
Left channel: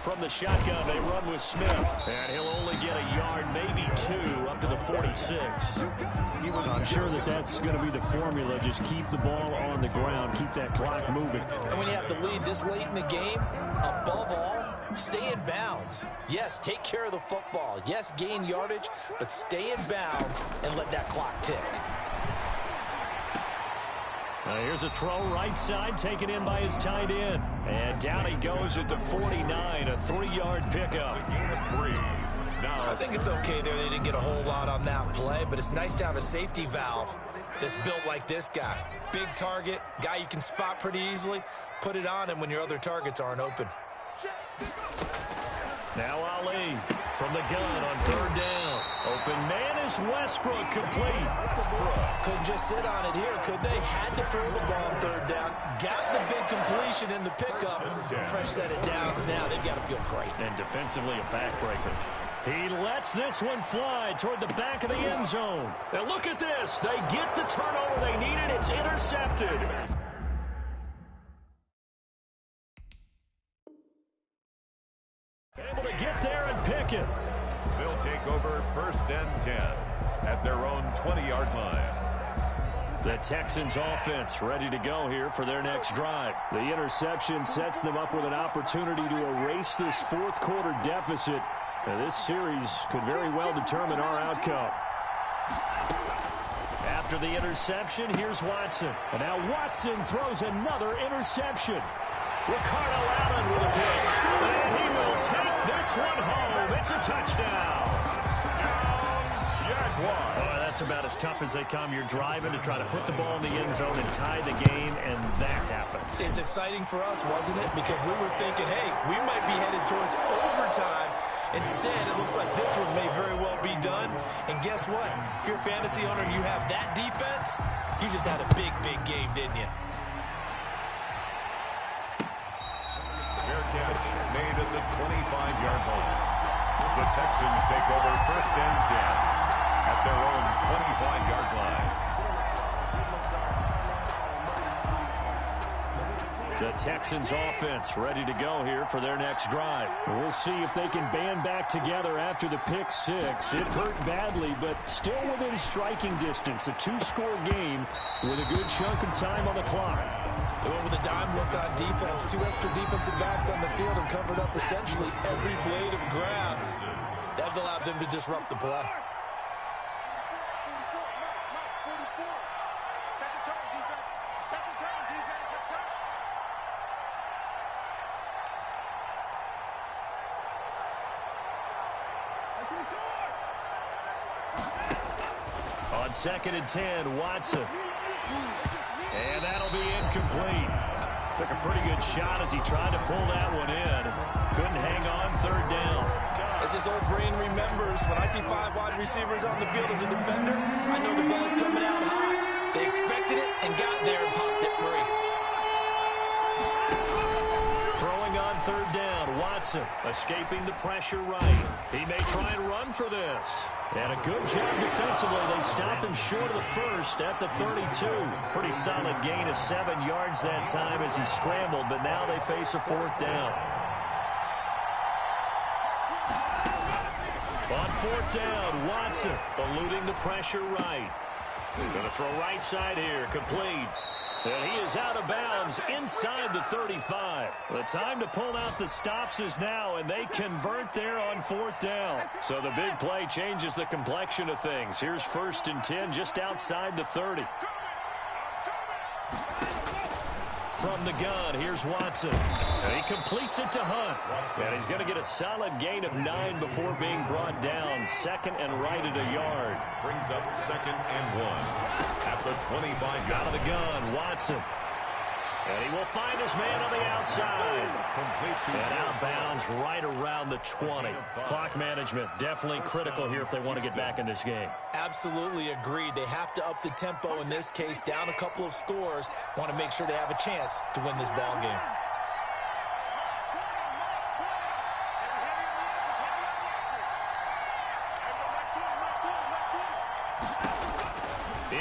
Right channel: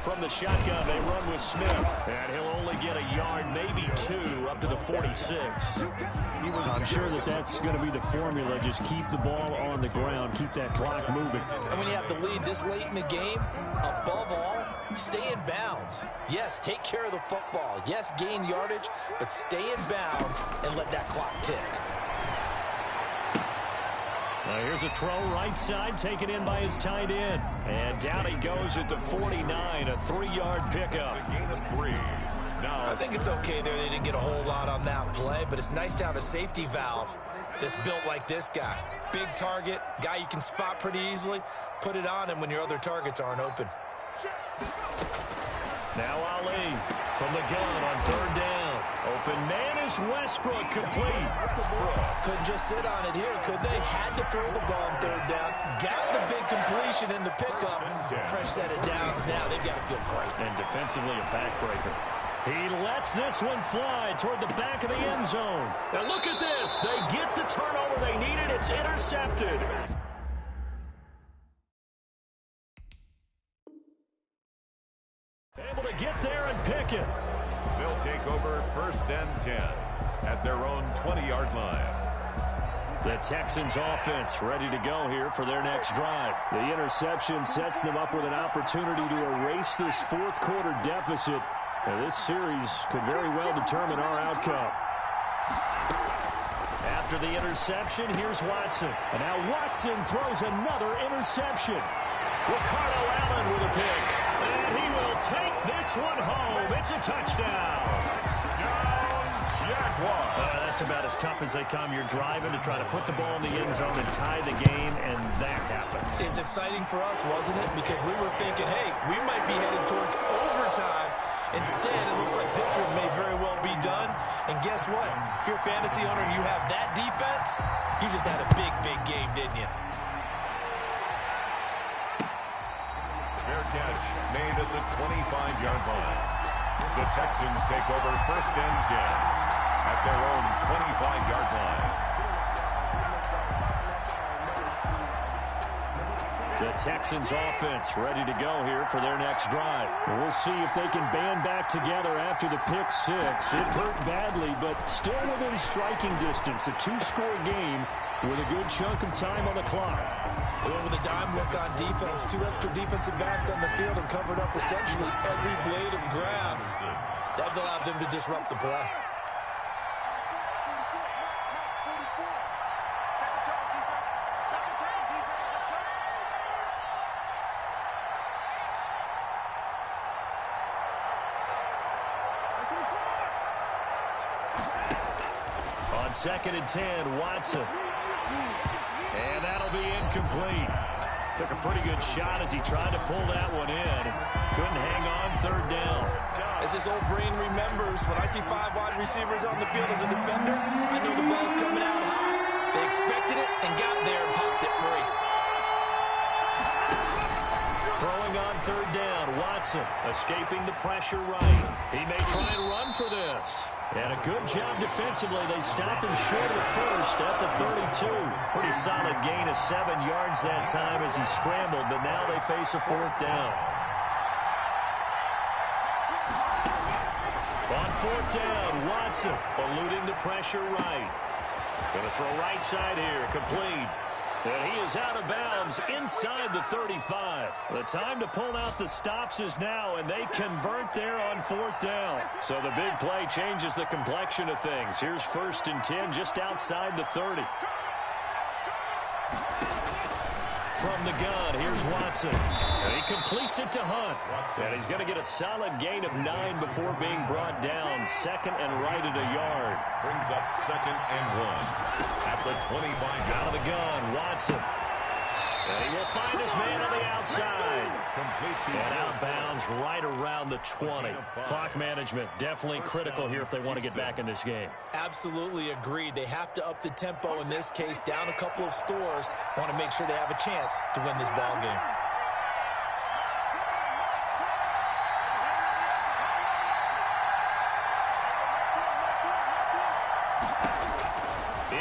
From the shotgun, they run with Smith. And he'll only get a yard, maybe 2, up to the 46. I'm sure that's going to be the formula. Just keep the ball on the ground. Keep that clock moving. And when you have the lead this late in the game, above all, stay in bounds. Yes, take care of the football. Yes, gain yardage, but stay in bounds and let that clock tick. Here's a throw right side, taken in by his tight end. And down he goes at the 49, a 3-yard pickup. A gain of 3. Now, I think it's okay there. They didn't get a whole lot on that play, but it's nice to have a safety valve that's built like this guy. Big target, guy you can spot pretty easily. Put it on him when your other targets aren't open. Now Ali from the gun on 3rd down. Open man is Westbrook, complete. Couldn't just sit on it here, could they? Had to throw the ball on third down. Got the big completion in the pickup. Fresh set of downs now. They've got to feel great. And defensively, a backbreaker. He lets this one fly toward the back of the end zone. And look at this. They get the turnover they needed. It's intercepted. Able to get there and pick it. They'll take over 1st and 10 at their own 20-yard line. The Texans offense ready to go here for their next drive. The interception sets them up with an opportunity to erase this fourth quarter deficit. Now, this series could very well determine our outcome. After the interception, here's Watson. And now Watson throws another interception. Ricardo Allen with a pick. And he will take this one home. It's a touchdown. Down, Jaguars. That's about as tough as they come. You're driving to try to put the ball in the end zone and tie the game, and that happens. It's exciting for us, wasn't it? Because we were thinking, hey, we might be headed towards overtime. Instead, it looks like this one may very well be done. And guess what? If you're a fantasy owner and you have that defense, you just had a big, big game, didn't you? Fair catch made at the 25-yard line. The Texans take over 1st and 10 at their own 25-yard line. The Texans offense ready to go here for their next drive. We'll see if they can band back together after the pick six. It hurt badly, but still within striking distance. A 2-score game with a good chunk of time on the clock. They went with a dime look on defense. 2 extra defensive backs on the field and covered up essentially every blade of grass. That allowed them to disrupt the play. On 2nd and 10, Watson. And that'll be incomplete. Took a pretty good shot as he tried to pull that one in. Couldn't hang on 3rd down. As this old brain remembers, when I see 5 wide receivers on the field as a defender, I know the ball's coming out high. They expected it and got there and popped it free. Throwing on 3rd down, Watson escaping the pressure right. He may try and run for this. And a good job defensively. They stopped him short of the first at the 32. Pretty solid gain of 7 yards that time as he scrambled, but now they face a 4th down. On 4th down, Watson eluding the pressure right. Going to throw right side here, complete. And he is out of bounds inside the 35. The time to pull out the stops is now, and they convert there on 4th down. So the big play changes the complexion of things. Here's 1st and 10 just outside the 30. From the gun, here's Watson. And he completes it to Hunt. And he's going to get a solid gain of 9 before being brought down. 2nd and right at a yard. Brings up 2nd and 1 at the 25. Out of the gun, Watson. And he will find his man on the outside. And out of bounds right around the 20. Clock management definitely critical here if they want to get back in this game. Absolutely agreed. They have to up the tempo in this case, down a couple of scores. Want to make sure they have a chance to win this ball game.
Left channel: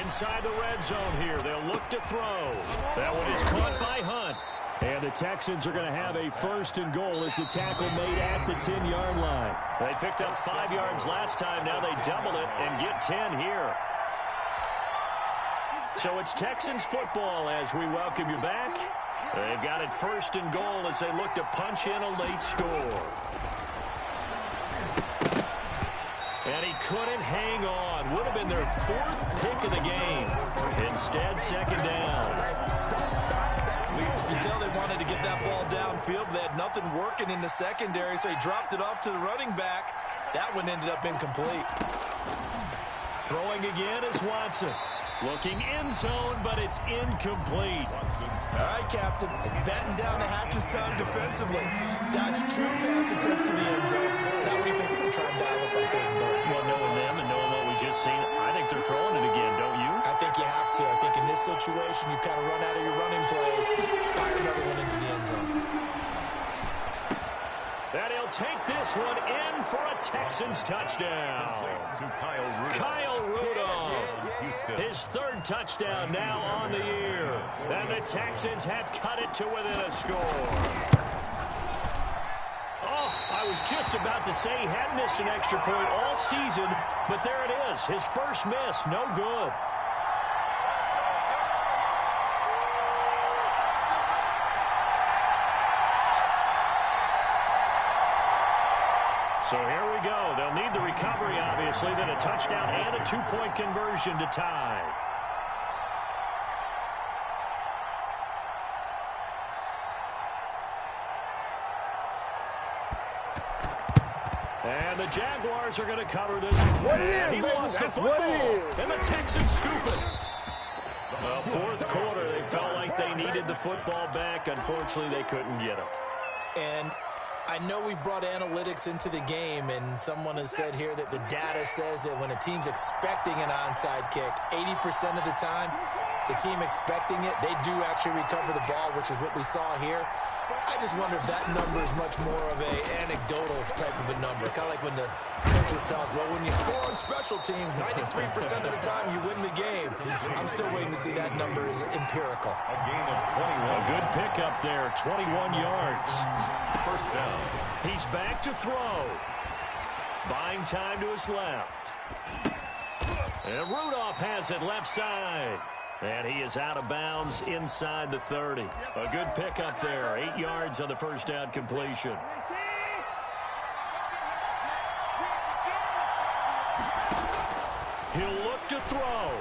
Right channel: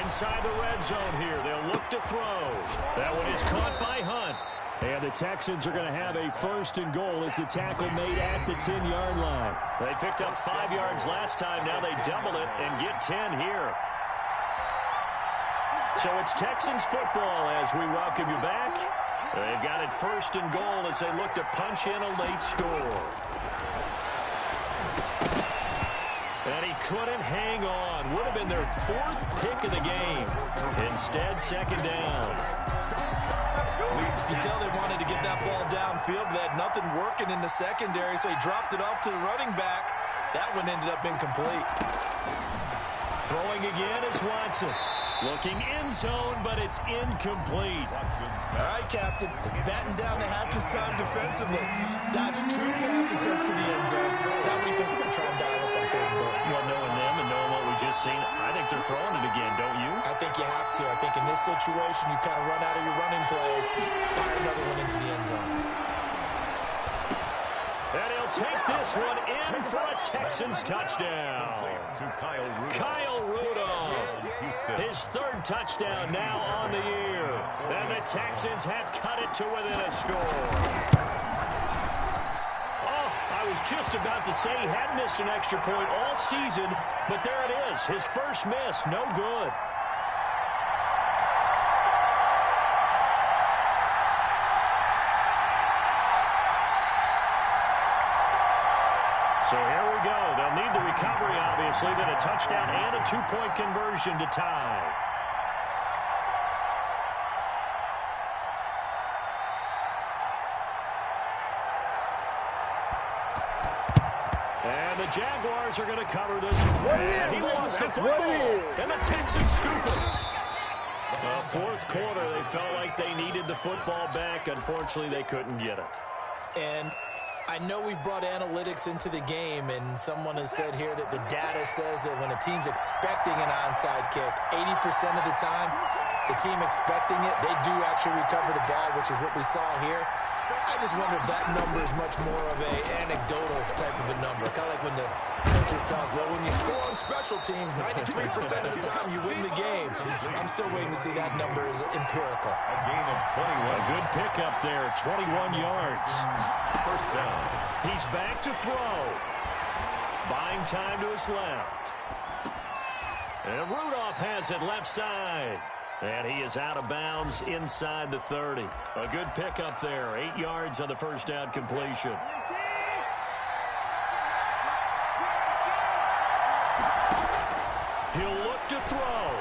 Inside the red zone here. They'll look to throw. That one is caught by Hunt. And the Texans are going to have a 1st and goal as the tackle made at the 10-yard line. They picked up 5 yards last time. Now they double it and get 10 here. So it's Texans football as we welcome you back. They've got it 1st and goal as they look to punch in a late score. And he couldn't hang on. Would have been their 4th pick of the game. Instead, 2nd down. You can tell they wanted to get that ball downfield, but they had nothing working in the secondary, so he dropped it off to the running back. That one ended up incomplete. Throwing again is Watson. Looking end zone, but it's incomplete. All right, Captain. It's batting down the hatches time defensively. Dodged 2 pass attempts to the end zone. Now what do you think they're going to try and dial up on 3rd and goal? Well, knowing them this scene, I think they're throwing it again, don't you? I think you have to. I think in this situation, you've kind of run out of your running plays. Fire another one into the end zone. And he'll take this one in for a Texans touchdown. To Kyle Rudolph. His third touchdown now on the year. And the Texans have cut it to within a score. Oh, I was just about to say he had missed an extra point all season, but there it is. His first miss, no good. So here we go. They'll need the recovery, obviously, then a touchdown and a two-point conversion to tie. And the Jaguars are going to cover this. That's what it is, he baby. wants That's the what football. it is. And the Texans scoop it. Well, fourth quarter, they felt like they needed the football back. Unfortunately, they couldn't get it. And I know we brought analytics into the game, and someone has said here that the data says that when a team's expecting an onside kick, 80% of the time, the team expecting it, they do actually recover the ball, which is what we saw here. I just wonder if that number is much more of an anecdotal type of a number. Kind of like when the coaches tell us, well, when you score on special teams, 93% of the time you win the game. I'm still waiting to see that number is empirical. A gain of 21. A good pickup there, 21 yards. First down. He's back to throw. Buying time to his left. And Rudolph has it left side. And he is out of bounds inside the 30. A good pickup there. 8 yards on the first down completion. He'll look to throw.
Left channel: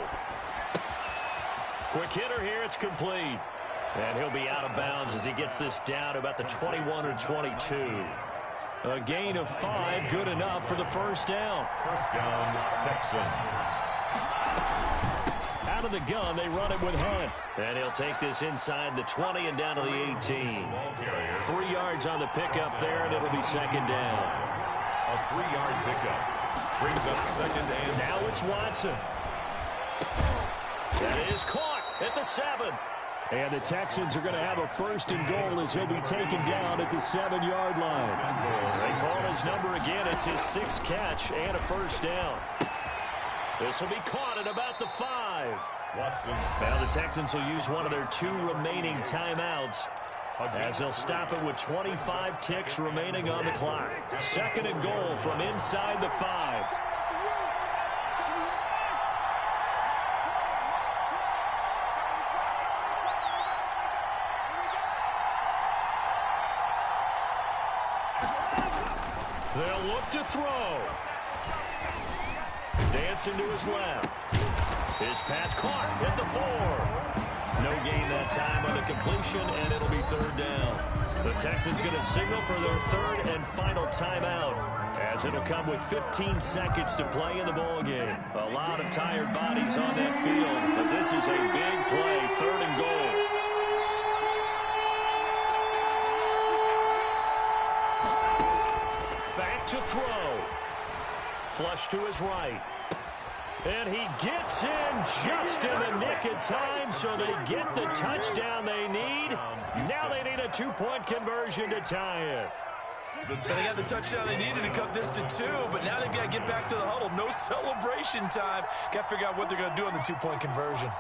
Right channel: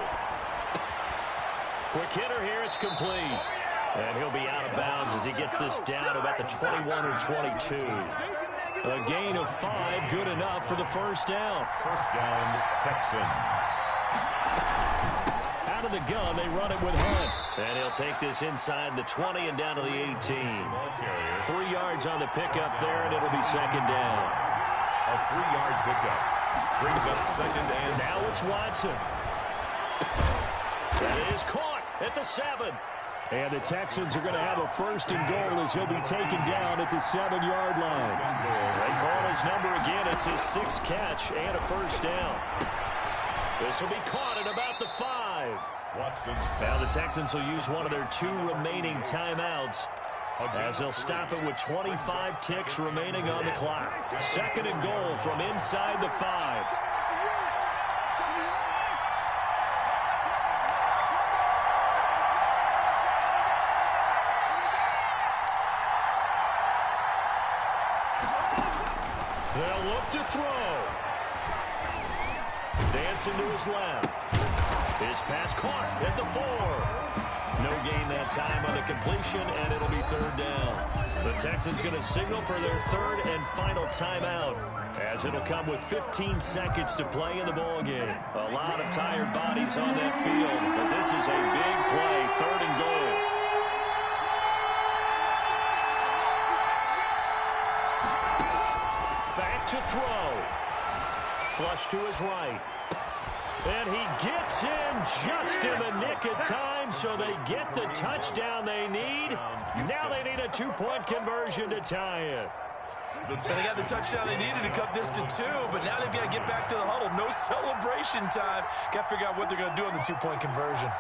Quick hitter here. It's complete. And he'll be out of bounds as he gets this down to about the 21 or 22. A gain of 5, good enough for the first down. First down, Texans. Out of the gun, they run it with Hunt. And he'll take this inside the 20 and down to the 18. 3 yards on the pickup there, and it'll be second down. A 3-yard pickup. Brings up second and... Now it's Watson. That is caught at the 7. And the Texans are going to have a first and goal as he'll be taken down at the 7-yard line. They call his number again. It's his 6th catch and a first down. This will be caught at about the 5. Now the Texans will use one of their 2 remaining timeouts as they'll stop it with 25 ticks remaining on the clock. Second and goal from inside the 5. They'll look to throw. Dancing to his left. His pass caught at the 4. No gain that time on the completion, and it'll be third down. The Texans going to signal for their third and final timeout, as it'll come with 15 seconds to play in the ballgame. A lot of tired bodies on that field, but this is a big play, third and goal. Back to throw. Flush to his right. And he gets in just in the nick of time, so they get the touchdown they need. Now they need a 2-point conversion to tie it. So they got the touchdown they needed to cut this to 2, but now they've got to get back to the huddle. No celebration time. Got to figure out what they're going to do on the 2-point conversion.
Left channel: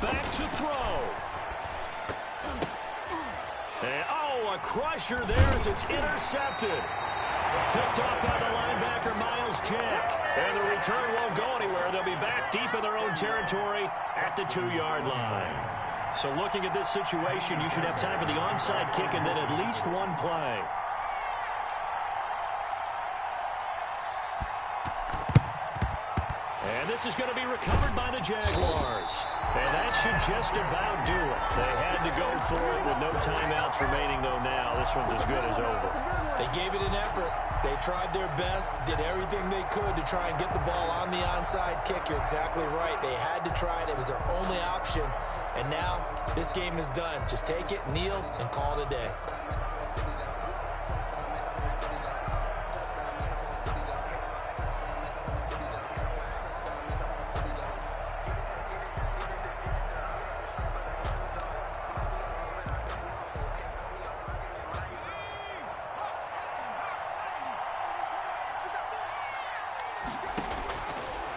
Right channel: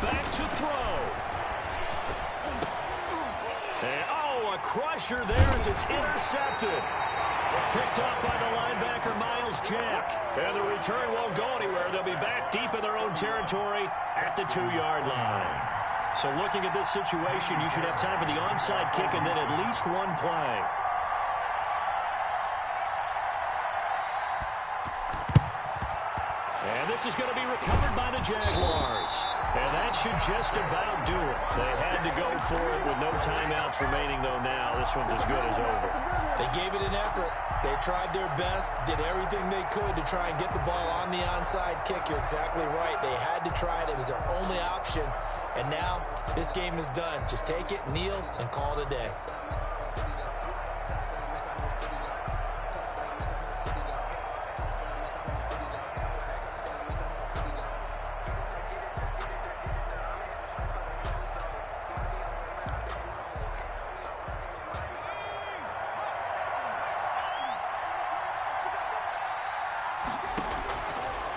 Back to throw. And, oh, a crusher there as it's intercepted. Picked up by the linebacker, Miles Jack. And the return won't go anywhere. They'll be back deep in their own territory at the 2-yard line. So looking at this situation, you should have time for the onside kick and then at least one play. And this is going to be recovered by the Jaguars. And that should just about do it. They had to go for it with no timeouts remaining, though, now. This one's as good as over. They gave it an effort. They tried their best, did everything they could to try and get the ball on the onside kick. You're exactly right. They had to try it. It was their only option. And now this game is done. Just take it, kneel, and call it a day.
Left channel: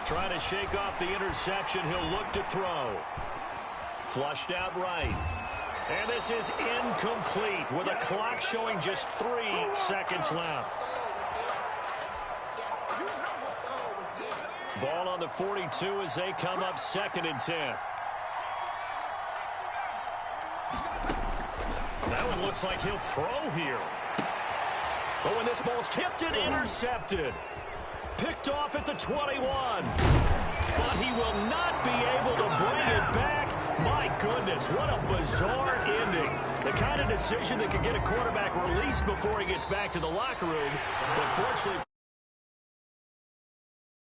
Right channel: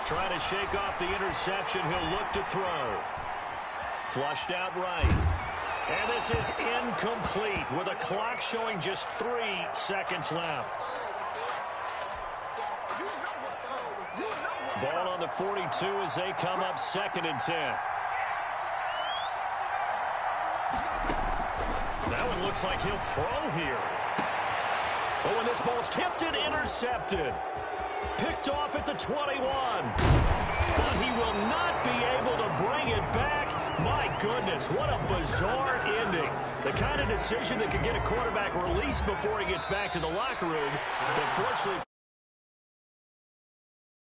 Trying to shake off the interception. He'll look to throw. Flushed out right. And this is incomplete with a clock showing just 3 seconds left. Ball on the 42 as they come up 2nd and 10. That one looks like he'll throw here. But when this ball's tipped and intercepted. Picked off at the 21. But he will not be able to bring it back. My goodness, what a bizarre ending. The kind of decision that could get a quarterback released before he gets back to the locker room. But fortunately